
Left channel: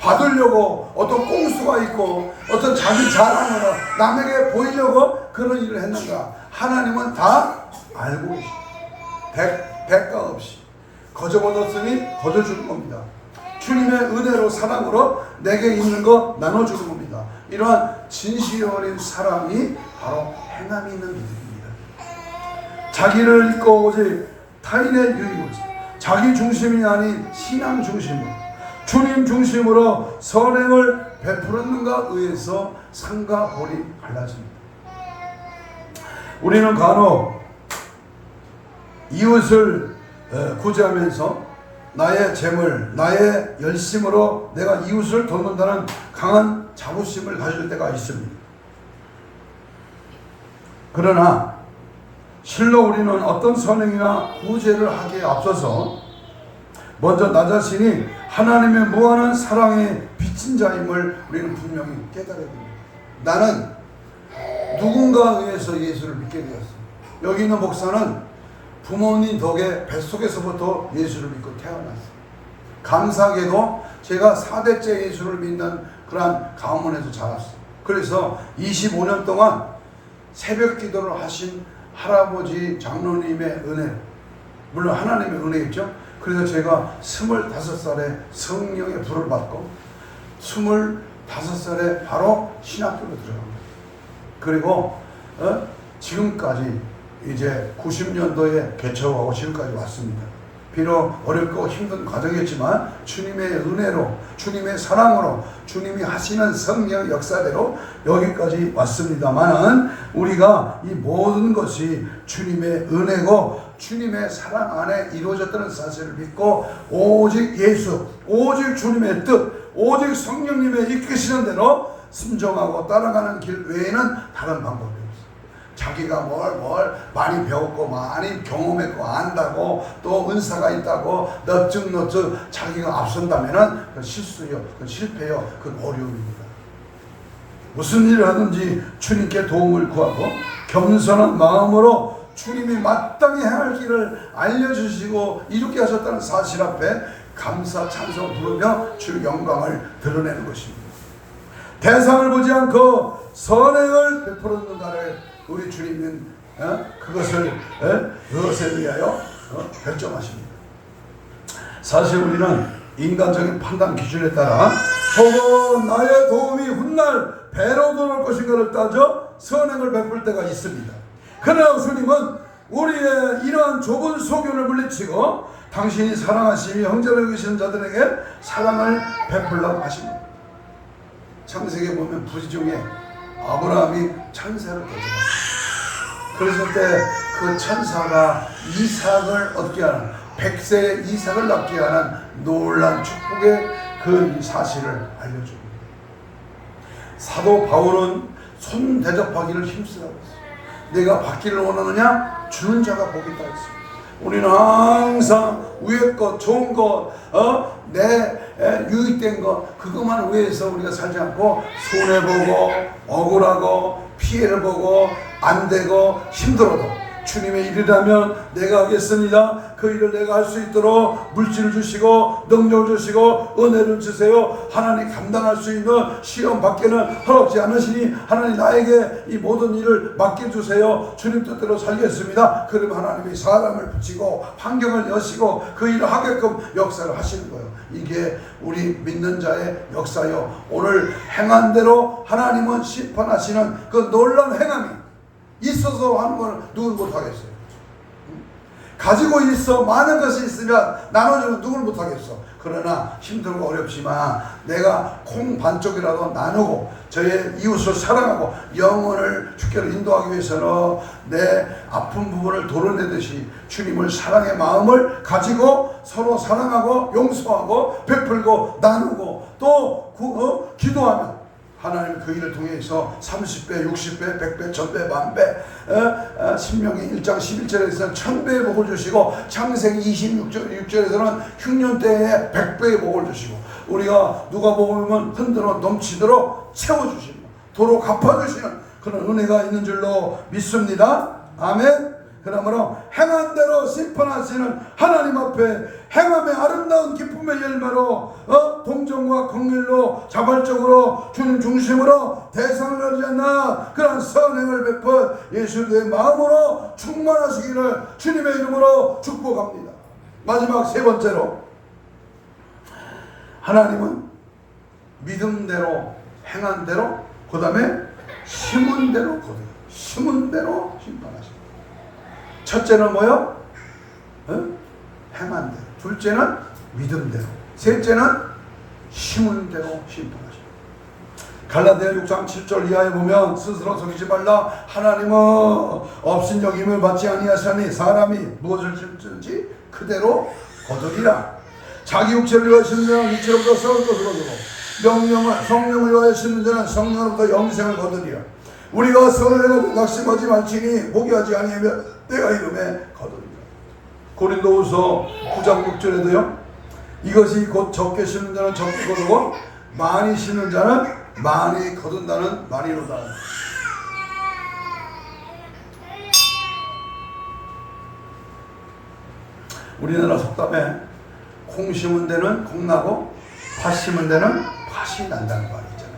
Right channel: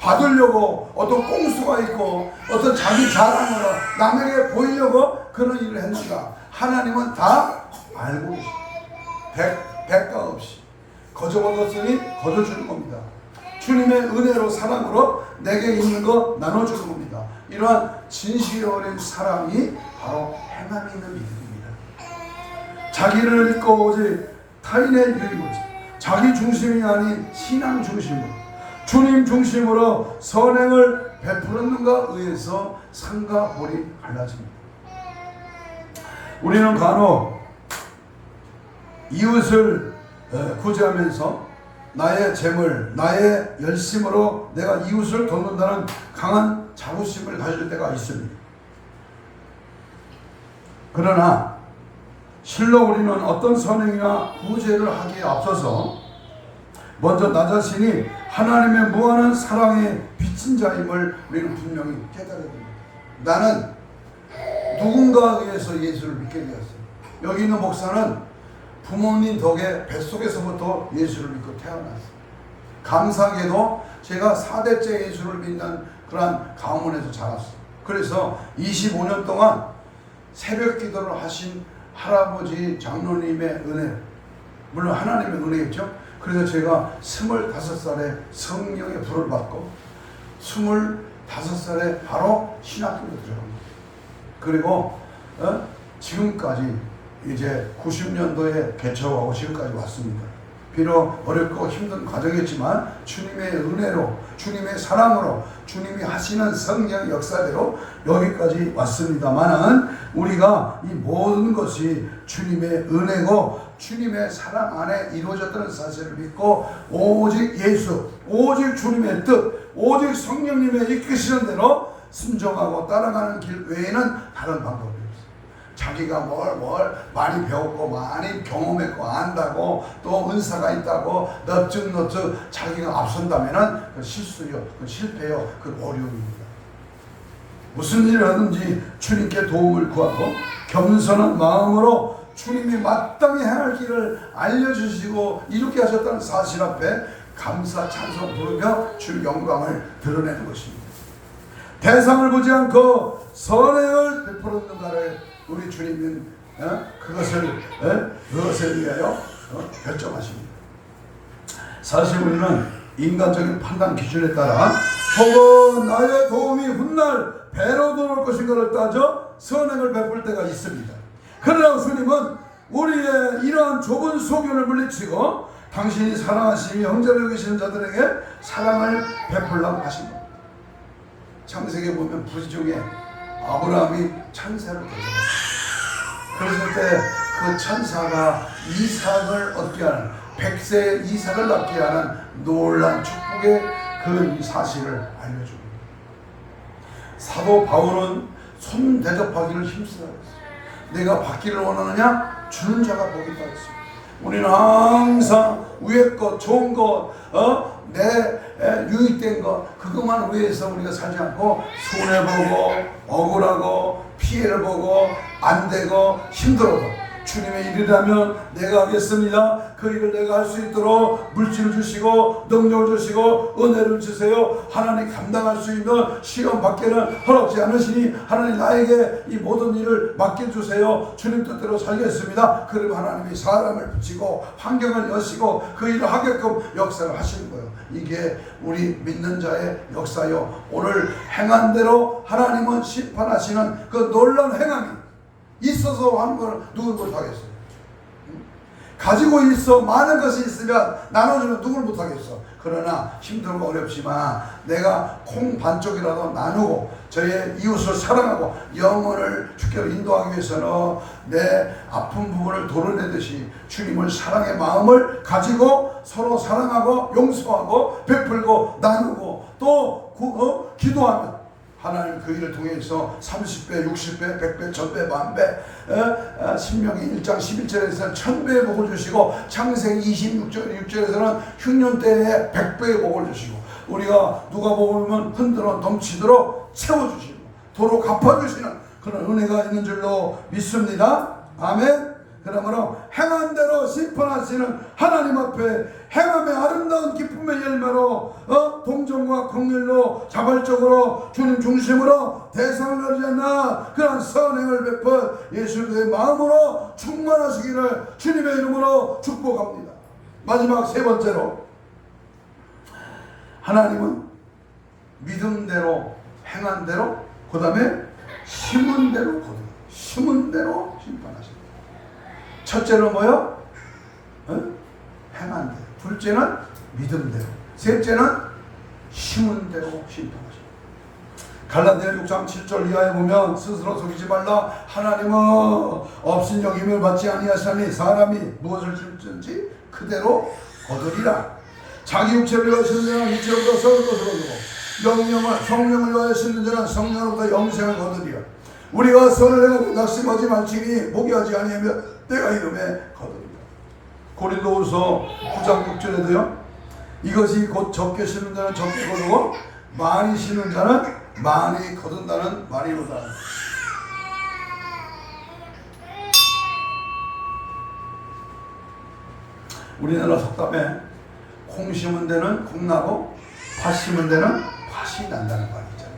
받으려고 어떤 꼼수가 있고 어떤 자기 자랑으로 남에게 보이려고 그런 일을 했는가, 하나님은 다 알고 계십니다. 대가 없이 거저받았으니 거저주는 겁니다. 주님의 은혜로 사랑으로 내게 있는 거 나눠주는 겁니다. 이러한 진실이 어린 사랑이 바로 행함이 있는 믿음입니다. 자기를 잊고 오직 타인의 유익을, 자기 중심이 아닌 신앙 중심으로 주님 중심으로 선행을 베풀었는가 의해서 상과 볼이 갈라집니다. 우리는 간혹 이웃을 구제하면서 나의 재물, 나의 열심으로 내가 이웃을 돕는다는 강한 자부심을 가질 때가 있습니다. 그러나 실로 우리는 어떤 선행이나 구제를 하기에 앞서서 먼저 나 자신이 하나님의 무한한 사랑에 비친 자임을 우리는 분명히 깨달아야 됩니다. 나는 누군가에 의해서 예수를 믿게 되었어요. 여기 있는 목사는 부모님 덕에 뱃속에서부터 예수를 믿고 태어났어요. 감사하게도 제가 4대째 예수를 믿는 그런 가문에서 자랐어요. 그래서 25년 동안 새벽 기도를 하신 할아버지 장로님의 은혜, 물론 하나님의 은혜겠죠. 그래서 제가 25살에 성령의 불을 받고 25살에 바로 신학교로 들어갑니다. 그리고 지금까지 이제 90년도에 개척하고 지금까지 왔습니다. 비록 어렵고 힘든 과정이었지만 주님의 은혜로, 주님의 사랑으로, 주님이 하시는 성령 역사대로 여기까지 왔습니다만은 우리가 이 모든 것이 주님의 은혜고 주님의 사랑 안에 이루어졌다는 사실을 믿고 오직 예수, 오직 주님의 뜻, 오직 성령님의 이끄시는 대로 순종하고 따라가는 길 외에는 다른 방법이 없어요. 자기가 뭘 많이 배웠고 많이 경험했고 안다고 또 은사가 있다고 넙죽넙죽 자기가 앞선다면은 그건 실수요, 그건 실패요, 그건 어려움입니다. 무슨 일을 하든지 주님께 도움을 구하고 겸손한 마음으로 주님이 마땅히 행할 길을 알려주시고 이렇게 하셨다는 사실 앞에 감사 찬송 부르며 주의 영광을 드러내는 것입니다. 대상을 보지 않고 선행을 베풀었는가를 우리 주님은 그것을 위하여 결정하십니다. 사실 우리는 인간적인 판단 기준에 따라 혹은 나의 도움이 훗날 배로 돌아올 것인가를 따져 선행을 베풀 때가 있습니다. 그러나 주님은 우리의 이러한 좁은 소견을 물리치고 당신이 사랑하시며 형제를 여기시는 자들에게 사랑을 베풀라고 하십니다. 창세기에 보면 부지 중에 아브라함이 천사를 대접했어요. 그랬을 때 그 천사가 이삭을 얻게 하는 100세 이삭을 낳게 하는 놀라운 축복의 그 사실을 알려줍니다. 사도 바울은 손 대접하기를 힘쓰라고 했어요. 내가 받기를 원하느냐? 주는 자가 복이 있다 했어요. 우리는 항상 위의 것, 좋은 것, 내 유익된 것, 그것만 위해서 우리가 살지 않고 손해보고 억울하고 피해를 보고 안 되고 힘들어도 주님의 일이라면 내가 하겠습니다. 그 일을 내가 할 수 있도록 물질을 주시고 능력을 주시고 은혜를 주세요. 하나님 감당할 수 있는 시험 밖에는 허락지 않으시니 하나님 나에게 이 모든 일을 맡겨주세요. 주님 뜻대로 살겠습니다. 그러면 하나님이 사람을 붙이고 환경을 여시고 그 일을 하게끔 역사를 하시는 거예요. 이게 우리 믿는 자의 역사요. 오늘 행한 대로 하나님은 심판하시는 그 놀라운 행함이 있어서 하는 걸 누구 못하겠어요. 가지고 있어 많은 것이 있으면 나눠주면 누구를 못하겠어. 그러나 힘들고 어렵지만 내가 콩 반쪽이라도 나누고 저의 이웃을 사랑하고 영혼을 주께로 인도하기 위해서는 내 아픈 부분을 도려내듯이 주님을 사랑의 마음을 가지고 서로 사랑하고 용서하고 베풀고 나누고 또 기도하면 하나님 그 일을 통해서 30배, 60배, 100배, 1000배, 만배 신명기 1장 11절에서는 1000배의 복을 주시고 창세기 26절에서는 흉년 때에 100배의 복을 주시고 우리가 누가 보면 흔들어 넘치도록 채워주시고 도로 갚아주시는 그런 은혜가 있는 줄로 믿습니다. 아멘. 그러므로 행한 대로 심판하시는 하나님 앞에 행함의 아름다운 기쁨의 열매로 동정과 긍휼로 자발적으로 주님 중심으로 대상을 가리지 않나 그런 선행을 베푼 예수의 마음으로 충만하시기를 주님의 이름으로 축복합니다. 마지막 세 번째로 하나님은 믿음대로 행한 대로 그 다음에 심은 대로 거두어 심은 대로 심판하십니다. 첫째는 뭐요? 행한 대로. 둘째는 믿음대로. 셋째는 심은 대로 심판하십니다. 갈라디아 6장 7절 이하에 보면 스스로 속이지 말라. 하나님은 없인 여김을 받지 아니하시니 사람이 무엇을 심든지 그대로 거두리라. 자기 육체를 위하시는 자는 육체로부터 썩을 것을 거두고 성령을 위하시는 자는 성령으로부터 영생을 거두리라. 우리가 선을 행하고 낙심하지 말지니 포기하지 아니하며 내가 이름에 거두리라. 고린도후서 9장 6절에도요. 이것이 곧 적게 심는 자는 적게 거두고 많이 심는 자는 많이 거둔다는 말이로다. 우리나라 속담에 콩 심은 데는 콩 나고 팥 심은 데는 팥이 난다는 말이 있잖아요.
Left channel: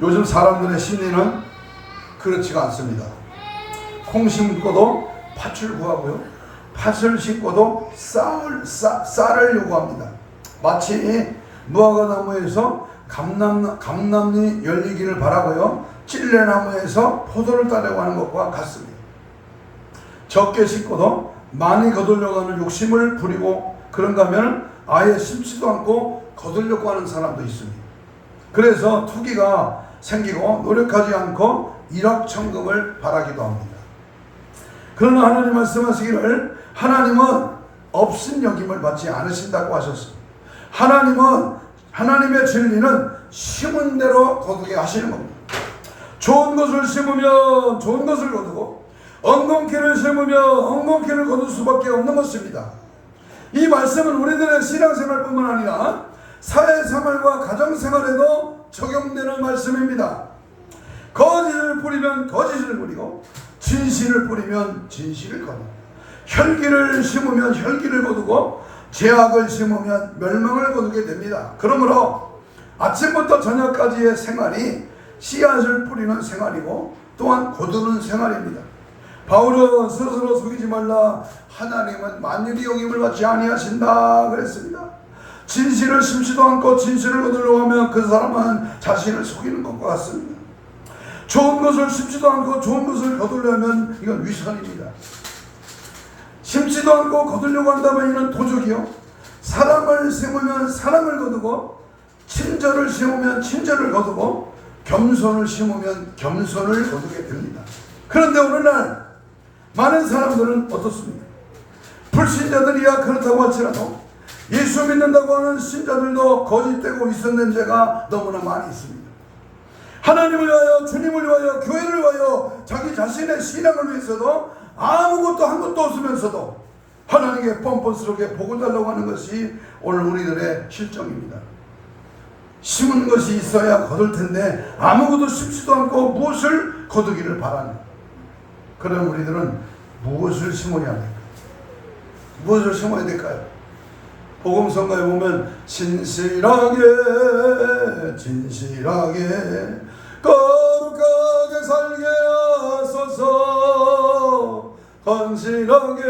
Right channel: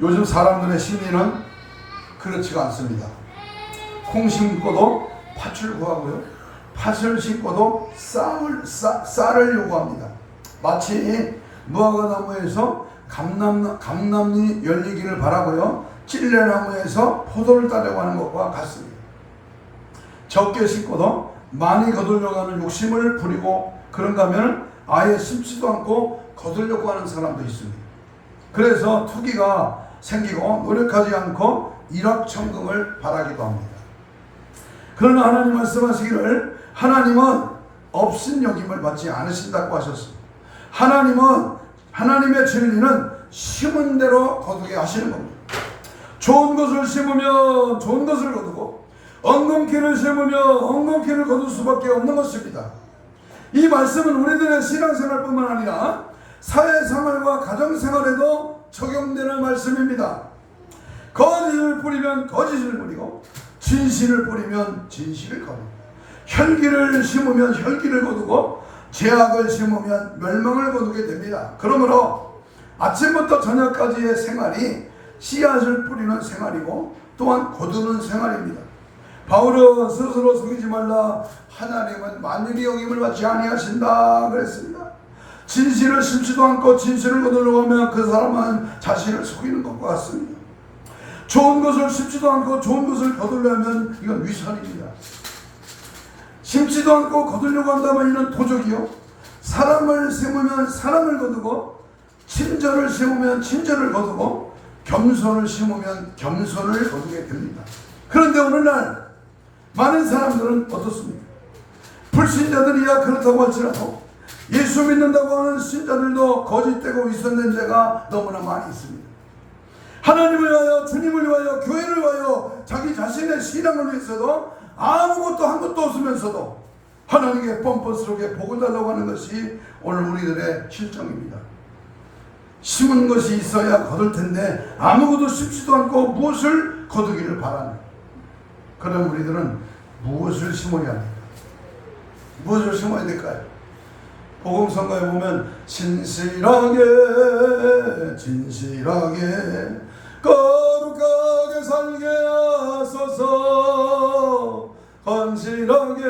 요즘 사람들의 심리는 그렇지가 않습니다. 콩 심고도 팥을 구하고요, 팥을 심고도 쌀을 요구합니다. 마치 무화과나무에서 감남이 열리기를 바라고요, 찔레나무에서 포도를 따려고 하는 것과 같습니다. 적게 심고도 많이 거두려고 하는 욕심을 부리고, 그런가 하면 아예 심지도 않고 거두려고 하는 사람도 있습니다. 그래서 투기가 생기고 노력하지 않고 일확천금을 바라기도 합니다. 그러나 하나님 말씀하시기를 하나님은 없인 여김을 받지 않으신다고 하셨습니다. 하나님은, 하나님의 진리는 심은 대로 거두게 하시는 겁니다. 좋은 것을 심으면 좋은 것을 거두고, 엉겅퀴를 심으면 엉겅퀴를 거둘 수밖에 없는 것입니다. 이 말씀은 우리들의 신앙생활뿐만 아니라 사회생활과 가정생활에도 적용되는 말씀입니다. 거짓을 뿌리면 거짓을 뿌리고, 진실을 뿌리면 진실을 거두고, 혈기를 심으면 혈기를 거두고, 죄악을 심으면 멸망을 거두게 됩니다. 그러므로 아침부터 저녁까지의 생활이 씨앗을 뿌리는 생활이고 또한 거두는 생활입니다. 바울은 스스로 속이지 말라, 하나님은 만유리 여김을 받지 아니하신다 그랬습니다. 진실을 심지도 않고 진실을 거두려고 하면 그 사람은 자신을 속이는 것과 같습니다. 좋은 것을 심지도 않고 좋은 것을 거두려면 이건 위선입니다. 심지도 않고 거두려고 한다면 이는 도적이요, 사랑을 심으면 사랑을 거두고, 친절을 심으면 친절을 거두고, 겸손을 심으면 겸손을 거두게 됩니다. 그런데 오늘날 많은 사람들은 어떻습니까? 불신자들이야 그렇다고 할지라도 예수 믿는다고 하는 신자들도 거짓되고 위선된 죄가 너무나 많이 있습니다. 하나님을 위하여, 주님을 위하여, 교회를 위하여, 자기 자신의 신앙을 위해서도 아무것도 한 것도 없으면서도 하나님께 뻔뻔스럽게 복을 달라고 하는 것이 오늘 우리들의 실정입니다. 심은 것이 있어야 거둘 텐데 아무것도 심지도 않고 무엇을 거두기를 바랍니다. 그럼 우리들은 무엇을 심어야 합니까? 무엇을 심어야 될까요? 복음성가에 보면 진실하게 거룩하게 살게 하소서, 헌신하게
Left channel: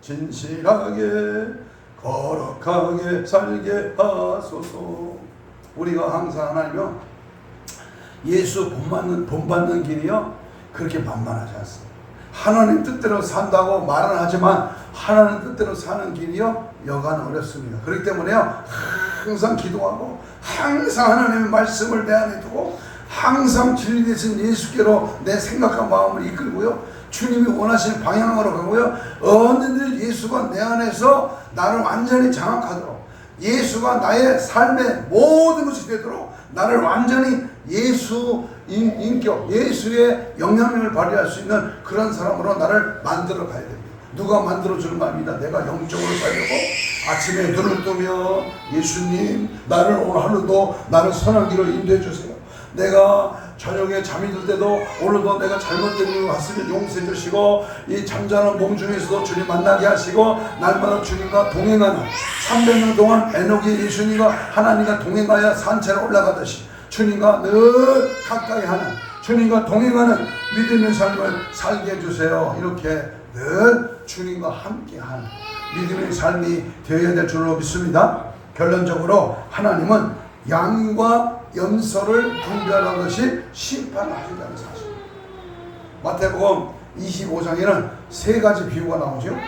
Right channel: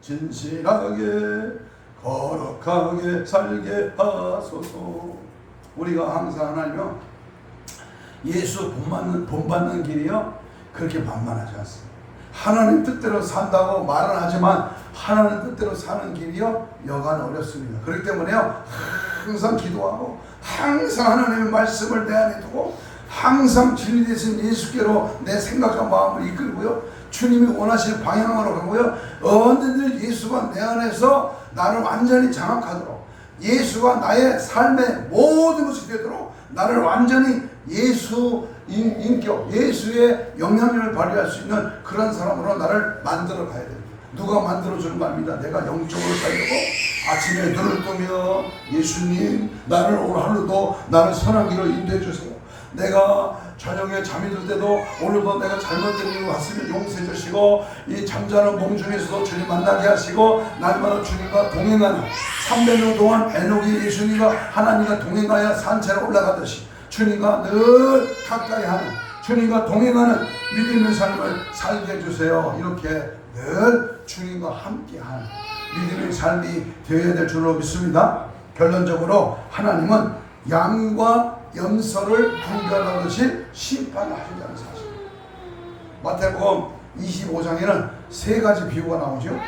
진실하게 거룩하게 살게 하소서. 우리가 항상 하나님은 예수 본받는 길이요 그렇게 만만하지 않습니다. 하나님 뜻대로 산다고 말은 하지만 하나님 뜻대로 사는 길이요 여간 어렵습니다. 그렇기 때문에요 항상 기도하고, 항상 하나님의 말씀을 내 안에 두고, 항상 진리 되신 예수께로 내 생각과 마음을 이끌고요, 주님이 원하시는 방향으로 가고요, 언제든지 예수가 내 안에서 나를 완전히 장악하도록, 예수가 나의 삶의 모든 것이 되도록 나를 완전히 예수 인격, 예수의 영향력을 발휘할 수 있는 그런 사람으로 나를 만들어 가야 됩니다. 누가 만들어주는 말입니다. 내가 영적으로 살려고 아침에 눈을 뜨며 예수님 나를 오늘 하루도 나를 선한 길로 인도해 주세요. 내가 저녁에 잠이 들 때도 오늘도 내가 잘못된 일을 봤으면 용서해 주시고, 이 잠자는 몸 중에서도 주님 만나게 하시고, 날마다 주님과 동행하는 300년 동안 에녹이 예수님과 하나님과 동행하여 산채로 올라가듯이 주님과 늘 가까이 하는, 주님과 동행하는 믿음의 삶을 살게 해주세요. 이렇게 늘 주님과 함께하는 믿음의 삶이 되어야 될 줄로 믿습니다. 결론적으로 하나님은 양과 염소를 분별하듯이 심판을 하신다는 사실. 마태복음 25장에는 세 가지 비유가 나오죠.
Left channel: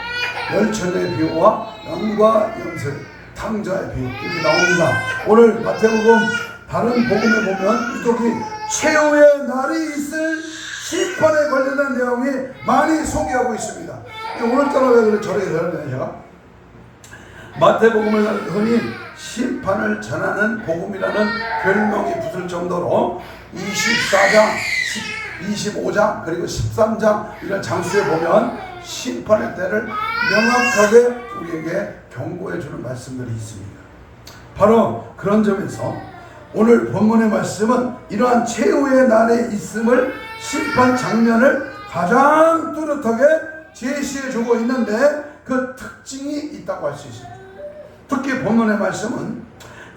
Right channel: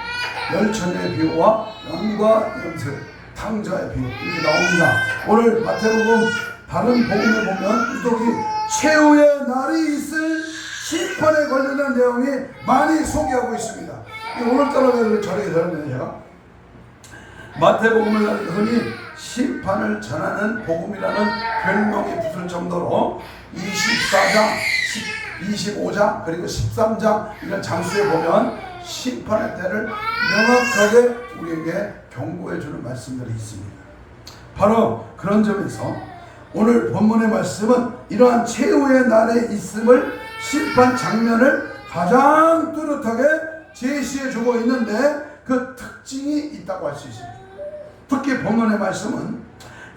열처녀의 비유와 양과 염소, 탕자의 비유 이렇게 나옵니다. 오늘 마태복음 다른 복음에 보면 유독이 최후의 날이 있을 심판에 관련된 내용이 많이 소개하고 있습니다. 오늘따라 왜 그래 저렇게 되느냐? 마태복음을 흔히 심판을 전하는 복음이라는 별명이 붙을 정도로 24장, 25장 그리고 13장 이런 장수에 보면 심판의 때를 명확하게 우리에게 경고해 주는 말씀들이 있습니다. 바로 그런 점에서 오늘 본문의 말씀은 이러한 최후의 날에 있음을, 심판 장면을 가장 뚜렷하게 제시해 주고 있는데, 그 특징이 있다고 할 수 있습니다. 특히 본문의 말씀은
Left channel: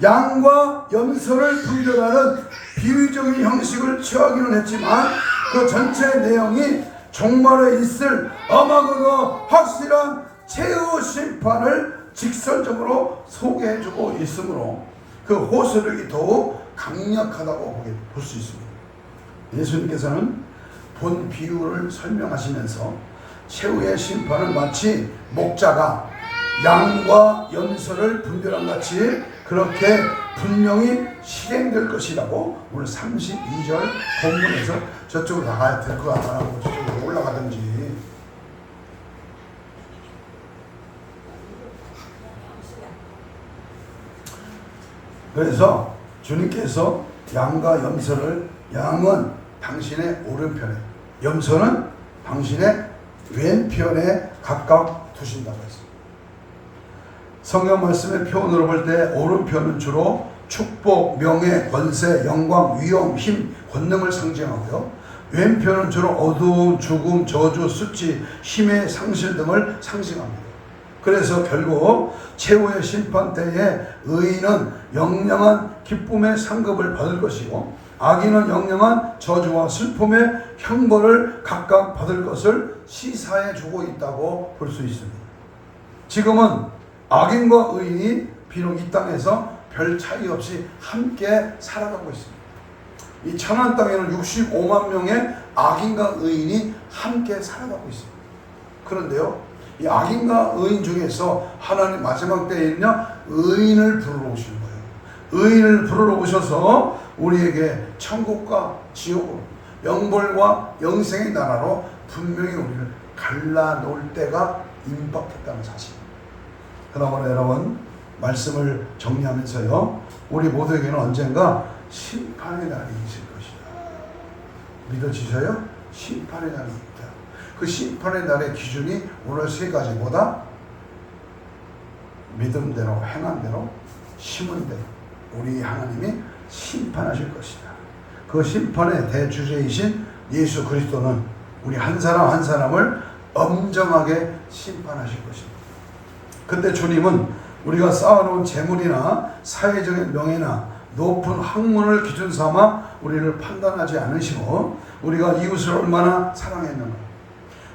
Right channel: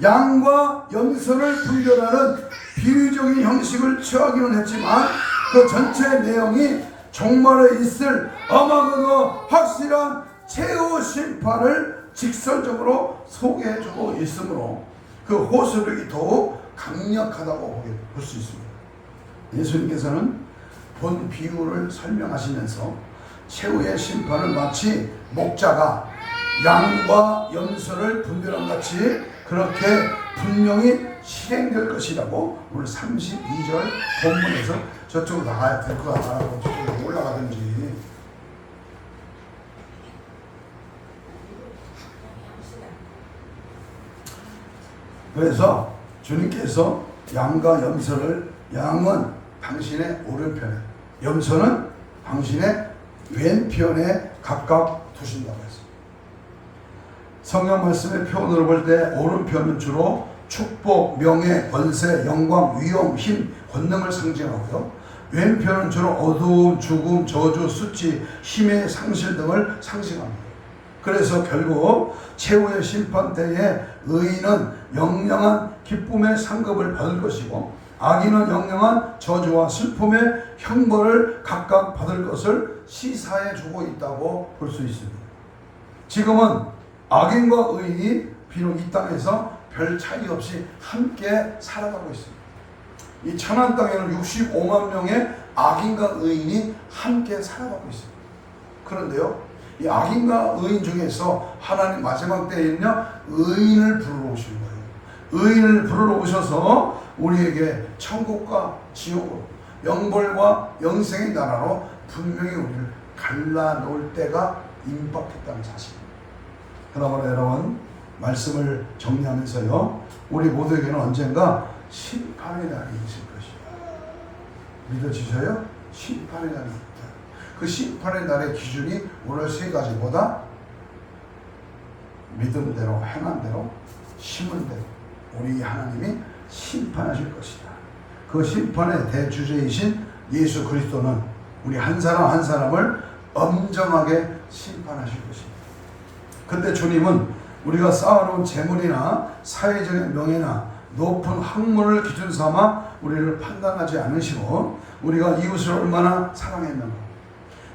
양과 염소를 분별하는 비유적인 형식을 취하기는 했지만 그 전체 내용이 종말에 있을 엄하고 확실한 최후 심판을 직설적으로 소개해주고 있으므로 그 호소력이 더욱 강력하다고 볼 수 있습니다. 예수님께서는 본 비유를 설명하시면서 최후의 심판은 마치 목자가 양과 염소를 분별한 같이 그렇게 분명히 실행될 것이라고 오늘 32절 본문에서 저쪽으로 나가야 될 것 같다고 저쪽으로 올라가든지 그래서 주님께서 양과 염소를 양은 당신의 오른편에 염소는 당신의 왼편에 각각 두신다고 했습니다. 성경 말씀의 표현으로 볼 때 오른편은 주로 축복, 명예, 권세, 영광, 위엄, 힘, 권능을 상징하고요. 왼편은 주로 어두움, 죽음, 저주, 수치, 힘의 상실 등을 상징합니다. 그래서 결국 최후의 심판 때에 의인은 영영한 기쁨의 상급을 받을 것이고 악인은 영영한 저주와 슬픔의 형벌을 각각 받을 것을 시사해 주고 있다고 볼 수 있습니다. 지금은 악인과 의인이 비록 이 땅에서 별 차이 없이 함께 살아가고 있습니다. 이 천한 땅에는 65만 명의 악인과 의인이 함께 살아가고 있습니다. 그런데요, 이 악인과 의인 중에서 하나님 마지막 때에는요, 의인을 부르러 오시는 거예요. 의인을 부르러 오셔서 우리에게 천국과 지옥으로, 영벌과 영생의 나라로 분명히 우리를 갈라놓을 때가 임박했다는 사실입니다. 그러므로 여러분, 말씀을 정리하면서요, 우리 모두에게는 언젠가 심판의 날이 있을 것이다. 믿어지셔요? 심판의 날이 있다. 그 심판의 날의 기준이 오늘 세 가지보다 믿은 대로, 행한 대로, 심은 대로 우리 하나님이 심판하실 것이다. 그 심판의 대주제이신 예수 그리스도는 우리 한 사람 한 사람을 엄정하게 심판하실 것입니다. 그때 주님은 우리가 쌓아놓은 재물이나 사회적인 명예나 높은 학문을 기준 삼아 우리를 판단하지 않으시고 우리가 이웃을 얼마나 사랑했는가,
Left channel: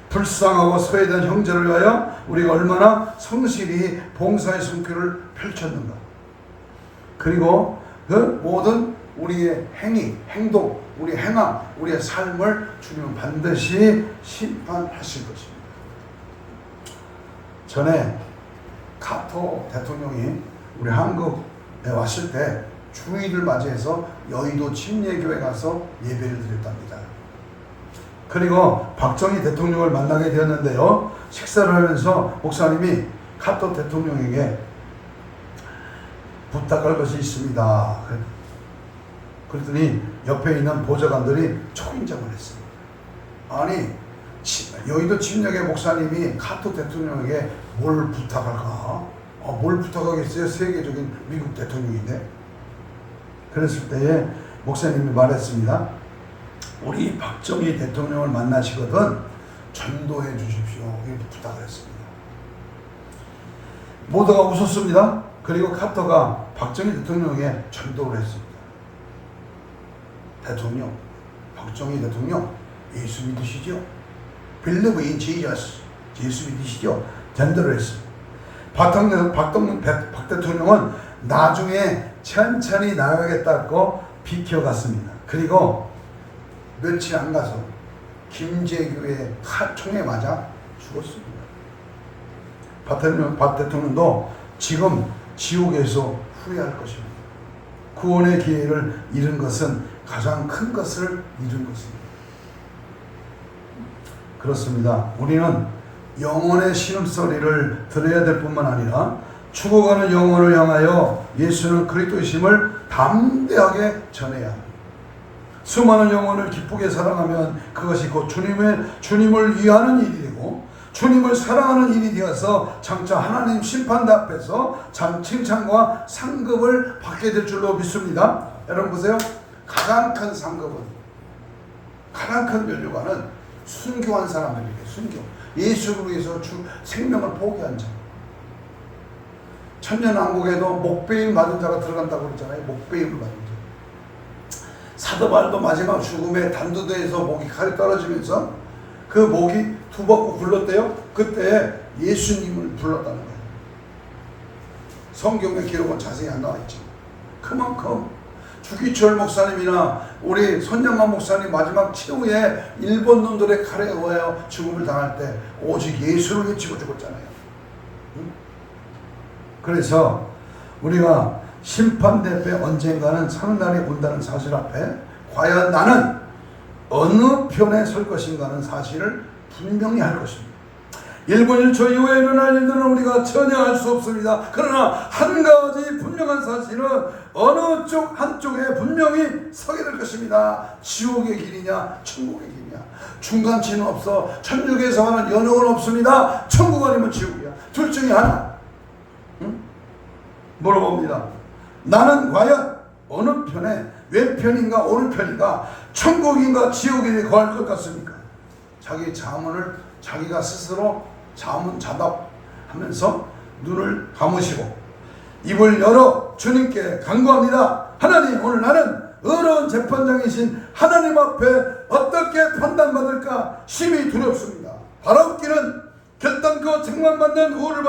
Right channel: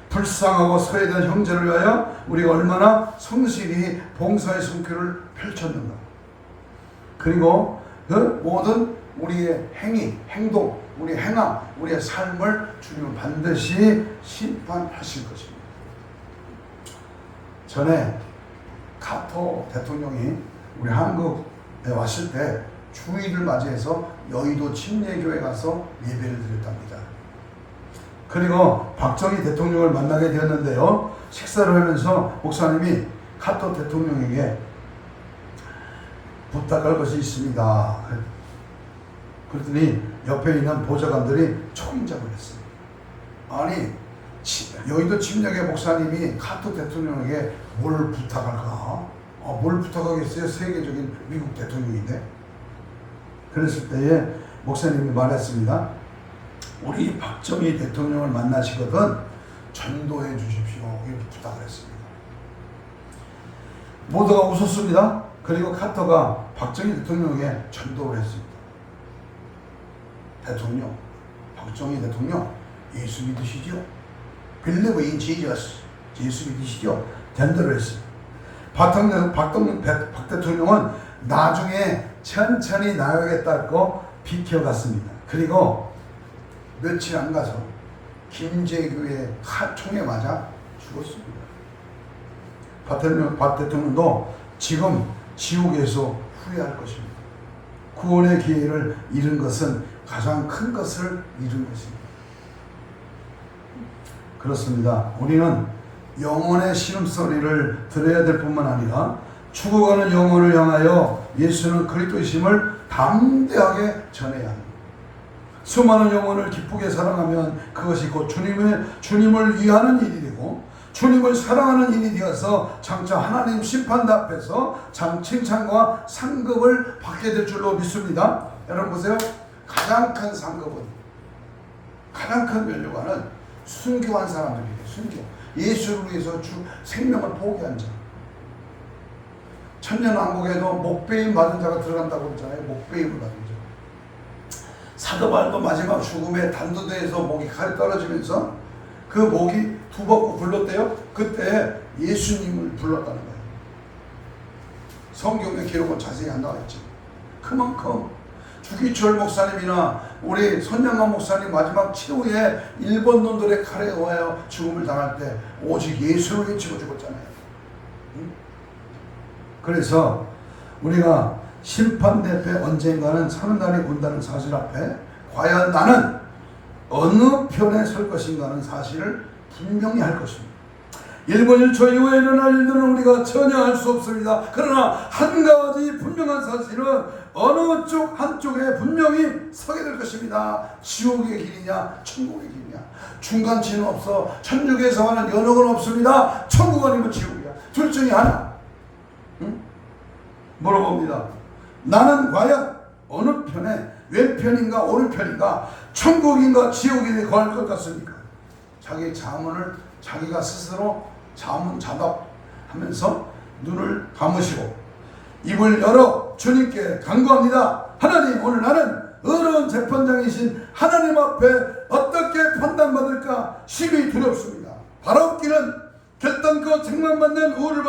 불쌍하고 소외된 형제를 위하여 우리가 얼마나 성실히 봉사의 손길을 펼쳤는가, 그리고 그 모든 우리의 행위, 행동, 우리 행함, 우리의 삶을 주님은 반드시 심판하실 것입니다. 전에 카토 대통령이 우리 한국에 왔을 때 주일을 맞이해서 여의도 침례교회 가서 예배를 드렸답니다. 그리고 박정희 대통령을 만나게 되었는데요, 식사를 하면서 목사님이 카토 대통령에게 부탁할 것이 있습니다. 그랬더니 옆에 있는 보좌관들이 초인적을 했습니다. 아니, 여의도 침략의 목사님이 카토 대통령에게 뭘 부탁할까? 뭘 부탁하겠어요? 세계적인 미국 대통령인데. 그랬을 때에 목사님이 말했습니다. 우리 박정희 대통령을 만나시거든 전도해 주십시오. 이렇게 부탁을 했습니다. 모두가 웃었습니다. 그리고 카터가 박정희 대통령에게 전도를 했습니다. 대통령, 박정희 대통령, 예수 믿으시죠? Believe in Jesus. 예수 믿으시죠? 전도를 했습니다. 박 대통령은 나중에 천천히 나가겠다고 비켜갔습니다. 그리고 며칠 안 가서 김제교의 총에 맞아 죽었습니다. 박 대통령도 지금 지옥에서 후회할 것입니다. 구원의 기회를 잃은 것은 가장 큰 것을 잃은 것입니다. 그렇습니다. 우리는 영혼의 신음소리를 들어야 될 뿐만 아니라 죽어가는 영혼을 향하여 예수는 그리스도이심을 담대하게 전해야 합니다. 수많은 영혼을 기쁘게 사랑하면 그것이 곧 주님을 위하는 일이 되고 주님을 사랑하는 일이 되어서 장차 하나님 심판대 앞에서 칭찬과 상급을 받게 될 줄로 믿습니다. 여러분 보세요. 가장 큰 상급은, 가장 큰 면류관은 순교한 사람들이에요. 순교. 예수를 위해서 생명을 포기한 자. 천년왕국에도 목배임 받은 자가 들어간다고 그랬잖아요. 목배임을 받은 자. 사도 바울도 마지막 죽음의 단두대에서 목이 칼이 떨어지면서 그 목이 두벅고 굴렀대요. 그때 예수님을 불렀다는 거예요. 성경의 기록은 자세히 안 나와 있지. 그만큼 주기철 목사님이나 우리 손양만 목사님 마지막 치료에 일본 놈들의 칼에 의하여 죽음을 당할 때 오직 예수를 외치고 죽었잖아요. 그래서 우리가 심판대 때 언젠가는 사는 날이 온다는 사실 앞에 과연 나는 어느 편에 설 것인가 하는 사실을 분명히 할 것입니다. 1분 1초 이후에 일어날 일들은 우리가 전혀 알 수 없습니다. 그러나 한 가지 분명한 사실은 어느 쪽 한쪽에 분명히 서게 될 것입니다. 지옥의 길이냐 천국의 길이냐. 중간치는 없어. 천국에서만은 연옥은 없습니다. 천국 아니면 지옥이야. 둘 중에 하나. 물어봅니다. 나는 과연 어느 편에 왼편인가 오른편인가 천국인가 지옥에 거할 것 같습니까? 자기 자문을 자기가 스스로 자문자답하면서 눈을 감으시고 입을 열어 주님께 간구합니다. 하나님, 오늘 나는 어려운 재판장이신 하나님 앞에 어떻게 판단받을까 심히 두렵습니다. 바라옵기는 결단코 책망받는 우를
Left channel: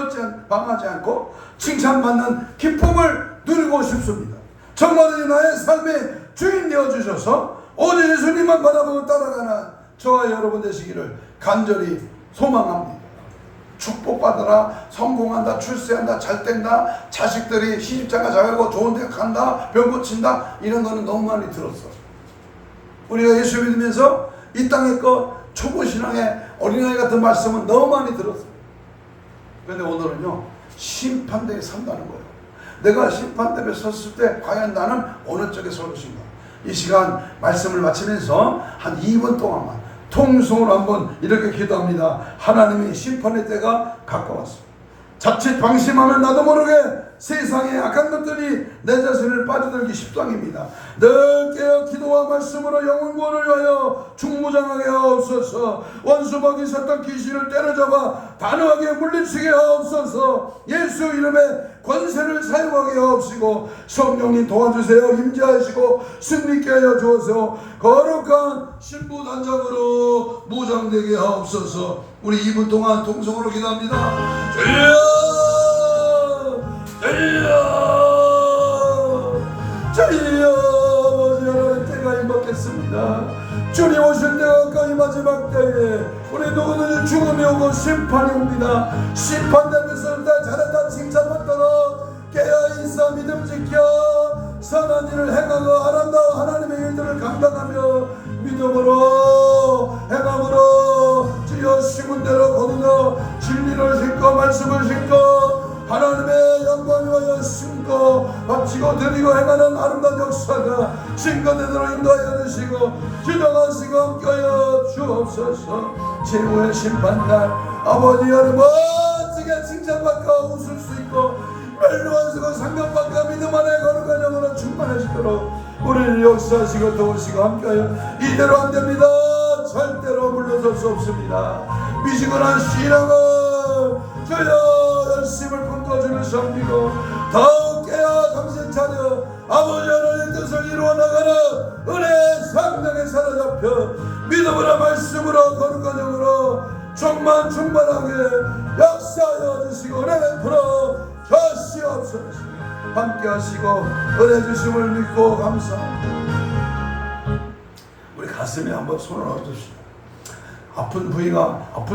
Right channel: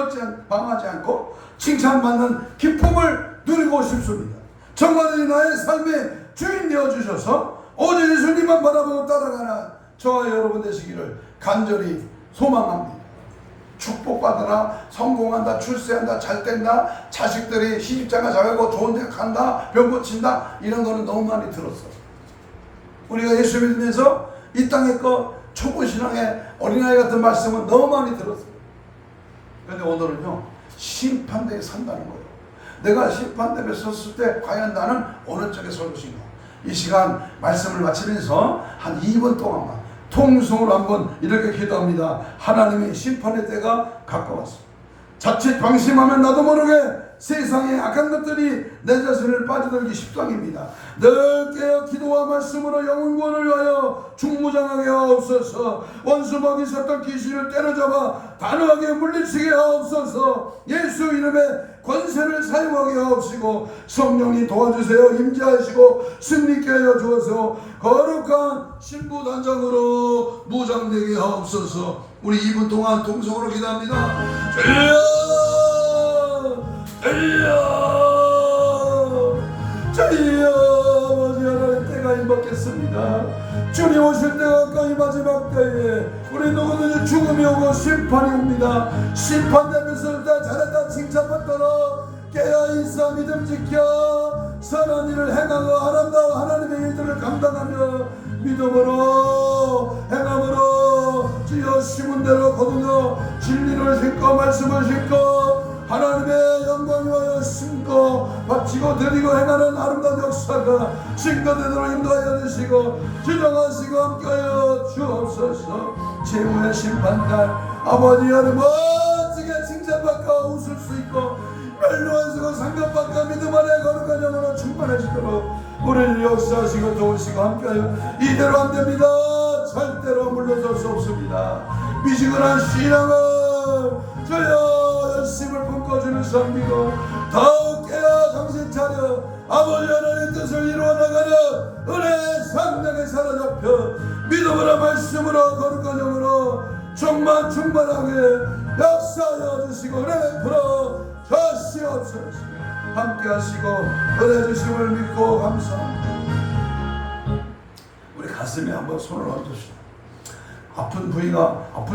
방하지 않고 칭찬받는 기쁨을 누리고 싶습니다. 정말이 나의 삶의 주인 되어주셔서 오직 예수님만 바라보고 따라가는 저와 여러분 되시기를 간절히 소망합니다. 축복받으라, 성공한다, 출세한다, 잘된다, 자식들이 시집장가 잘하고 좋은 데 간다, 병 고친다, 이런 거는 너무 많이 들었어. 우리가 예수 믿으면서 이 땅의 거 초보신앙의 어린아이 같은 말씀은 너무 많이 들었어. 그런데 오늘은요, 심판대에 산다는 거예요. 내가 심판대에 섰을 때 과연 나는 어느 쪽에 설 것인가. 이 시간 말씀을 마치면서 한 2분 동안만 통성으로 한번 이렇게 기도합니다. 하나님의 심판의 때가 가까웠습니다. 자칫 방심하면 나도 모르게 세상의 악한 것들이 내 자신을 빠져들기 십상입니다. 늘 깨어 기도와 말씀으로 영혼 구원을 위하여 중무장하게 하옵소서. 원수 먹이 섰던 귀신을 때려잡아 단호하게 물리치게 하옵소서. 예수 이름에 권세를 사용하게 하옵시고 성령님 도와주세요. 임재하시고 승리케 하여 주어서 거룩한 신부단장으로 무장되게 하옵소서. 우리 2분 동안 통성으로 기도합니다. 주여 하나님 때가 임박했습니다. 주님 오실 때가 가까이 마지막 때에 우리 누구든지 죽음이 오고 심판이 옵니다. 심판되면서 잘했다 칭찬받도록 깨어 있어 믿음 지켜 선한 일을 행하고 아름다운 하나님의 일들을 감당하며 믿음으로 행함으로 주여 심은 대로 거두어 진리를 신고 말씀을 신고 하나님의 영광 위하여 심고 바치고 드리고 행하는 아름다운 역사가 증거되도록 인도하여 주시고 주장하시고 함께하여 주옵소서. 최후의 심판날 아버지 여러분 멋지게 칭찬받고 웃을 수 있고 멸류하시고 상급받고 믿음 안에 거룩한 영으로 충만하시도록 우리를 역사하시고 도우시고 함께하여 이대로 안됩니다. 절대로 물러설 수 없습니다. 미지근한 신앙을 주여 열심을 품고주를 섬기고 더욱 깨어 정신 차려 아버지 하나님의 뜻을 이루어 나가는 은혜의 상당에 사로잡혀 믿음으로 말씀으로 거룩한 영으로 충만하게 역사하여 주시고 은혜 베풀어 주시옵소서. 함께 하시고 은혜 주심을 믿고 감사합니다. 우리 가슴에 한번 손을 얹으십시오. 아픈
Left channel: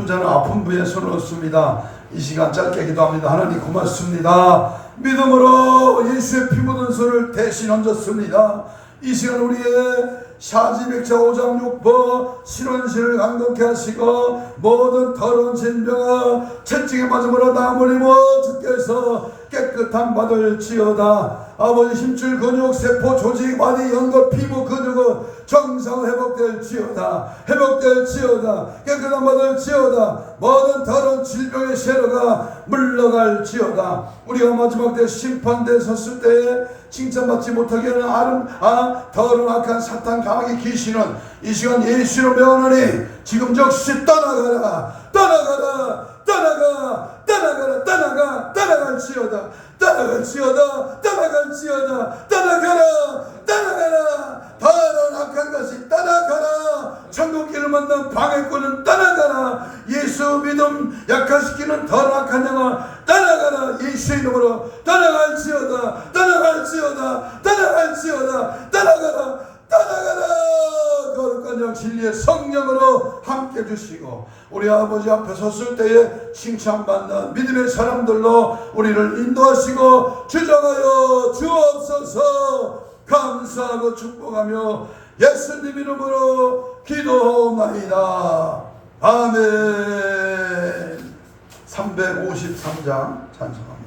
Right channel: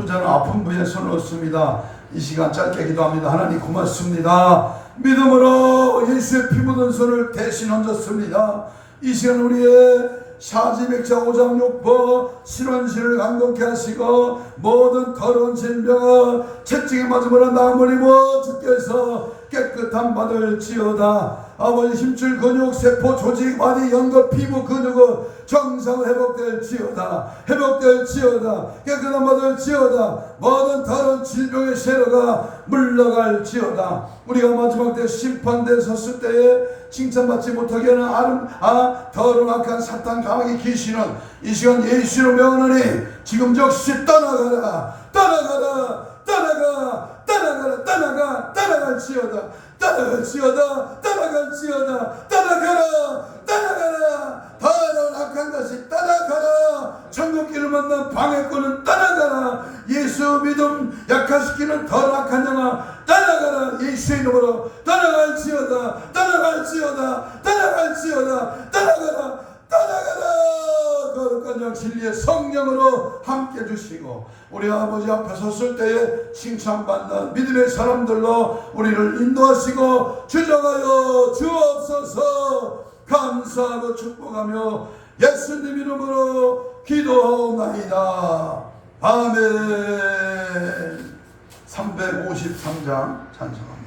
자는 아픈 부위에 손을 얹습니다. 이 시간 짧게 기도합니다. 하나님 고맙습니다. 믿음으로 예수의 피 묻은 손을 대신 얹었습니다. 이 시간 우리의 사지백자 5장 6번 신원신을 강건케 하시고 모든 더러운 진병아 채찍에 맞음으로 나무리고 주께서 깨끗함 받을지어다. 아버지 힘줄 근육 세포 조직 마디 연골 피부 근육은 정상 회복될지어다. 회복될지어다. 깨끗함 받을지어다. 모든 다른 질병의 세로가 물러갈지어다. 우리가 마지막 때 심판대에 섰을 때에 칭찬받지 못하게 하는 더러운 악한 사탄 강하게 귀신은 이 시간 예수로 명하노니 지금 즉시 떠나가라. 떠나가라. 떠나가. 떠나가라. 떠나가. 떠나갈지어다. 떠나갈지어다. 떠나갈지어다. 떠나가라. 떠나가라. 더러운 악한 것이 떠나가라. 천국길을 만난 방해꾼은 떠나가라. 예수 믿음 약화시키는 더러운 악한 영화 떠나가라. 예수의 이름으로 떠나갈지어다. 떠나갈지어다. 떠나갈지어다. 떠나가라. 떠나가라. 거룩한 영 진리의 성령으로 함께 주시고 우리 아버지 앞에 섰을 때에 칭찬받는 믿음의 사람들로 우리를 인도하시고 주정하여 주옵소서. 감사하고 축복하며 예수님 이름으로 기도하옵나이다. 아멘. 353장 찬송.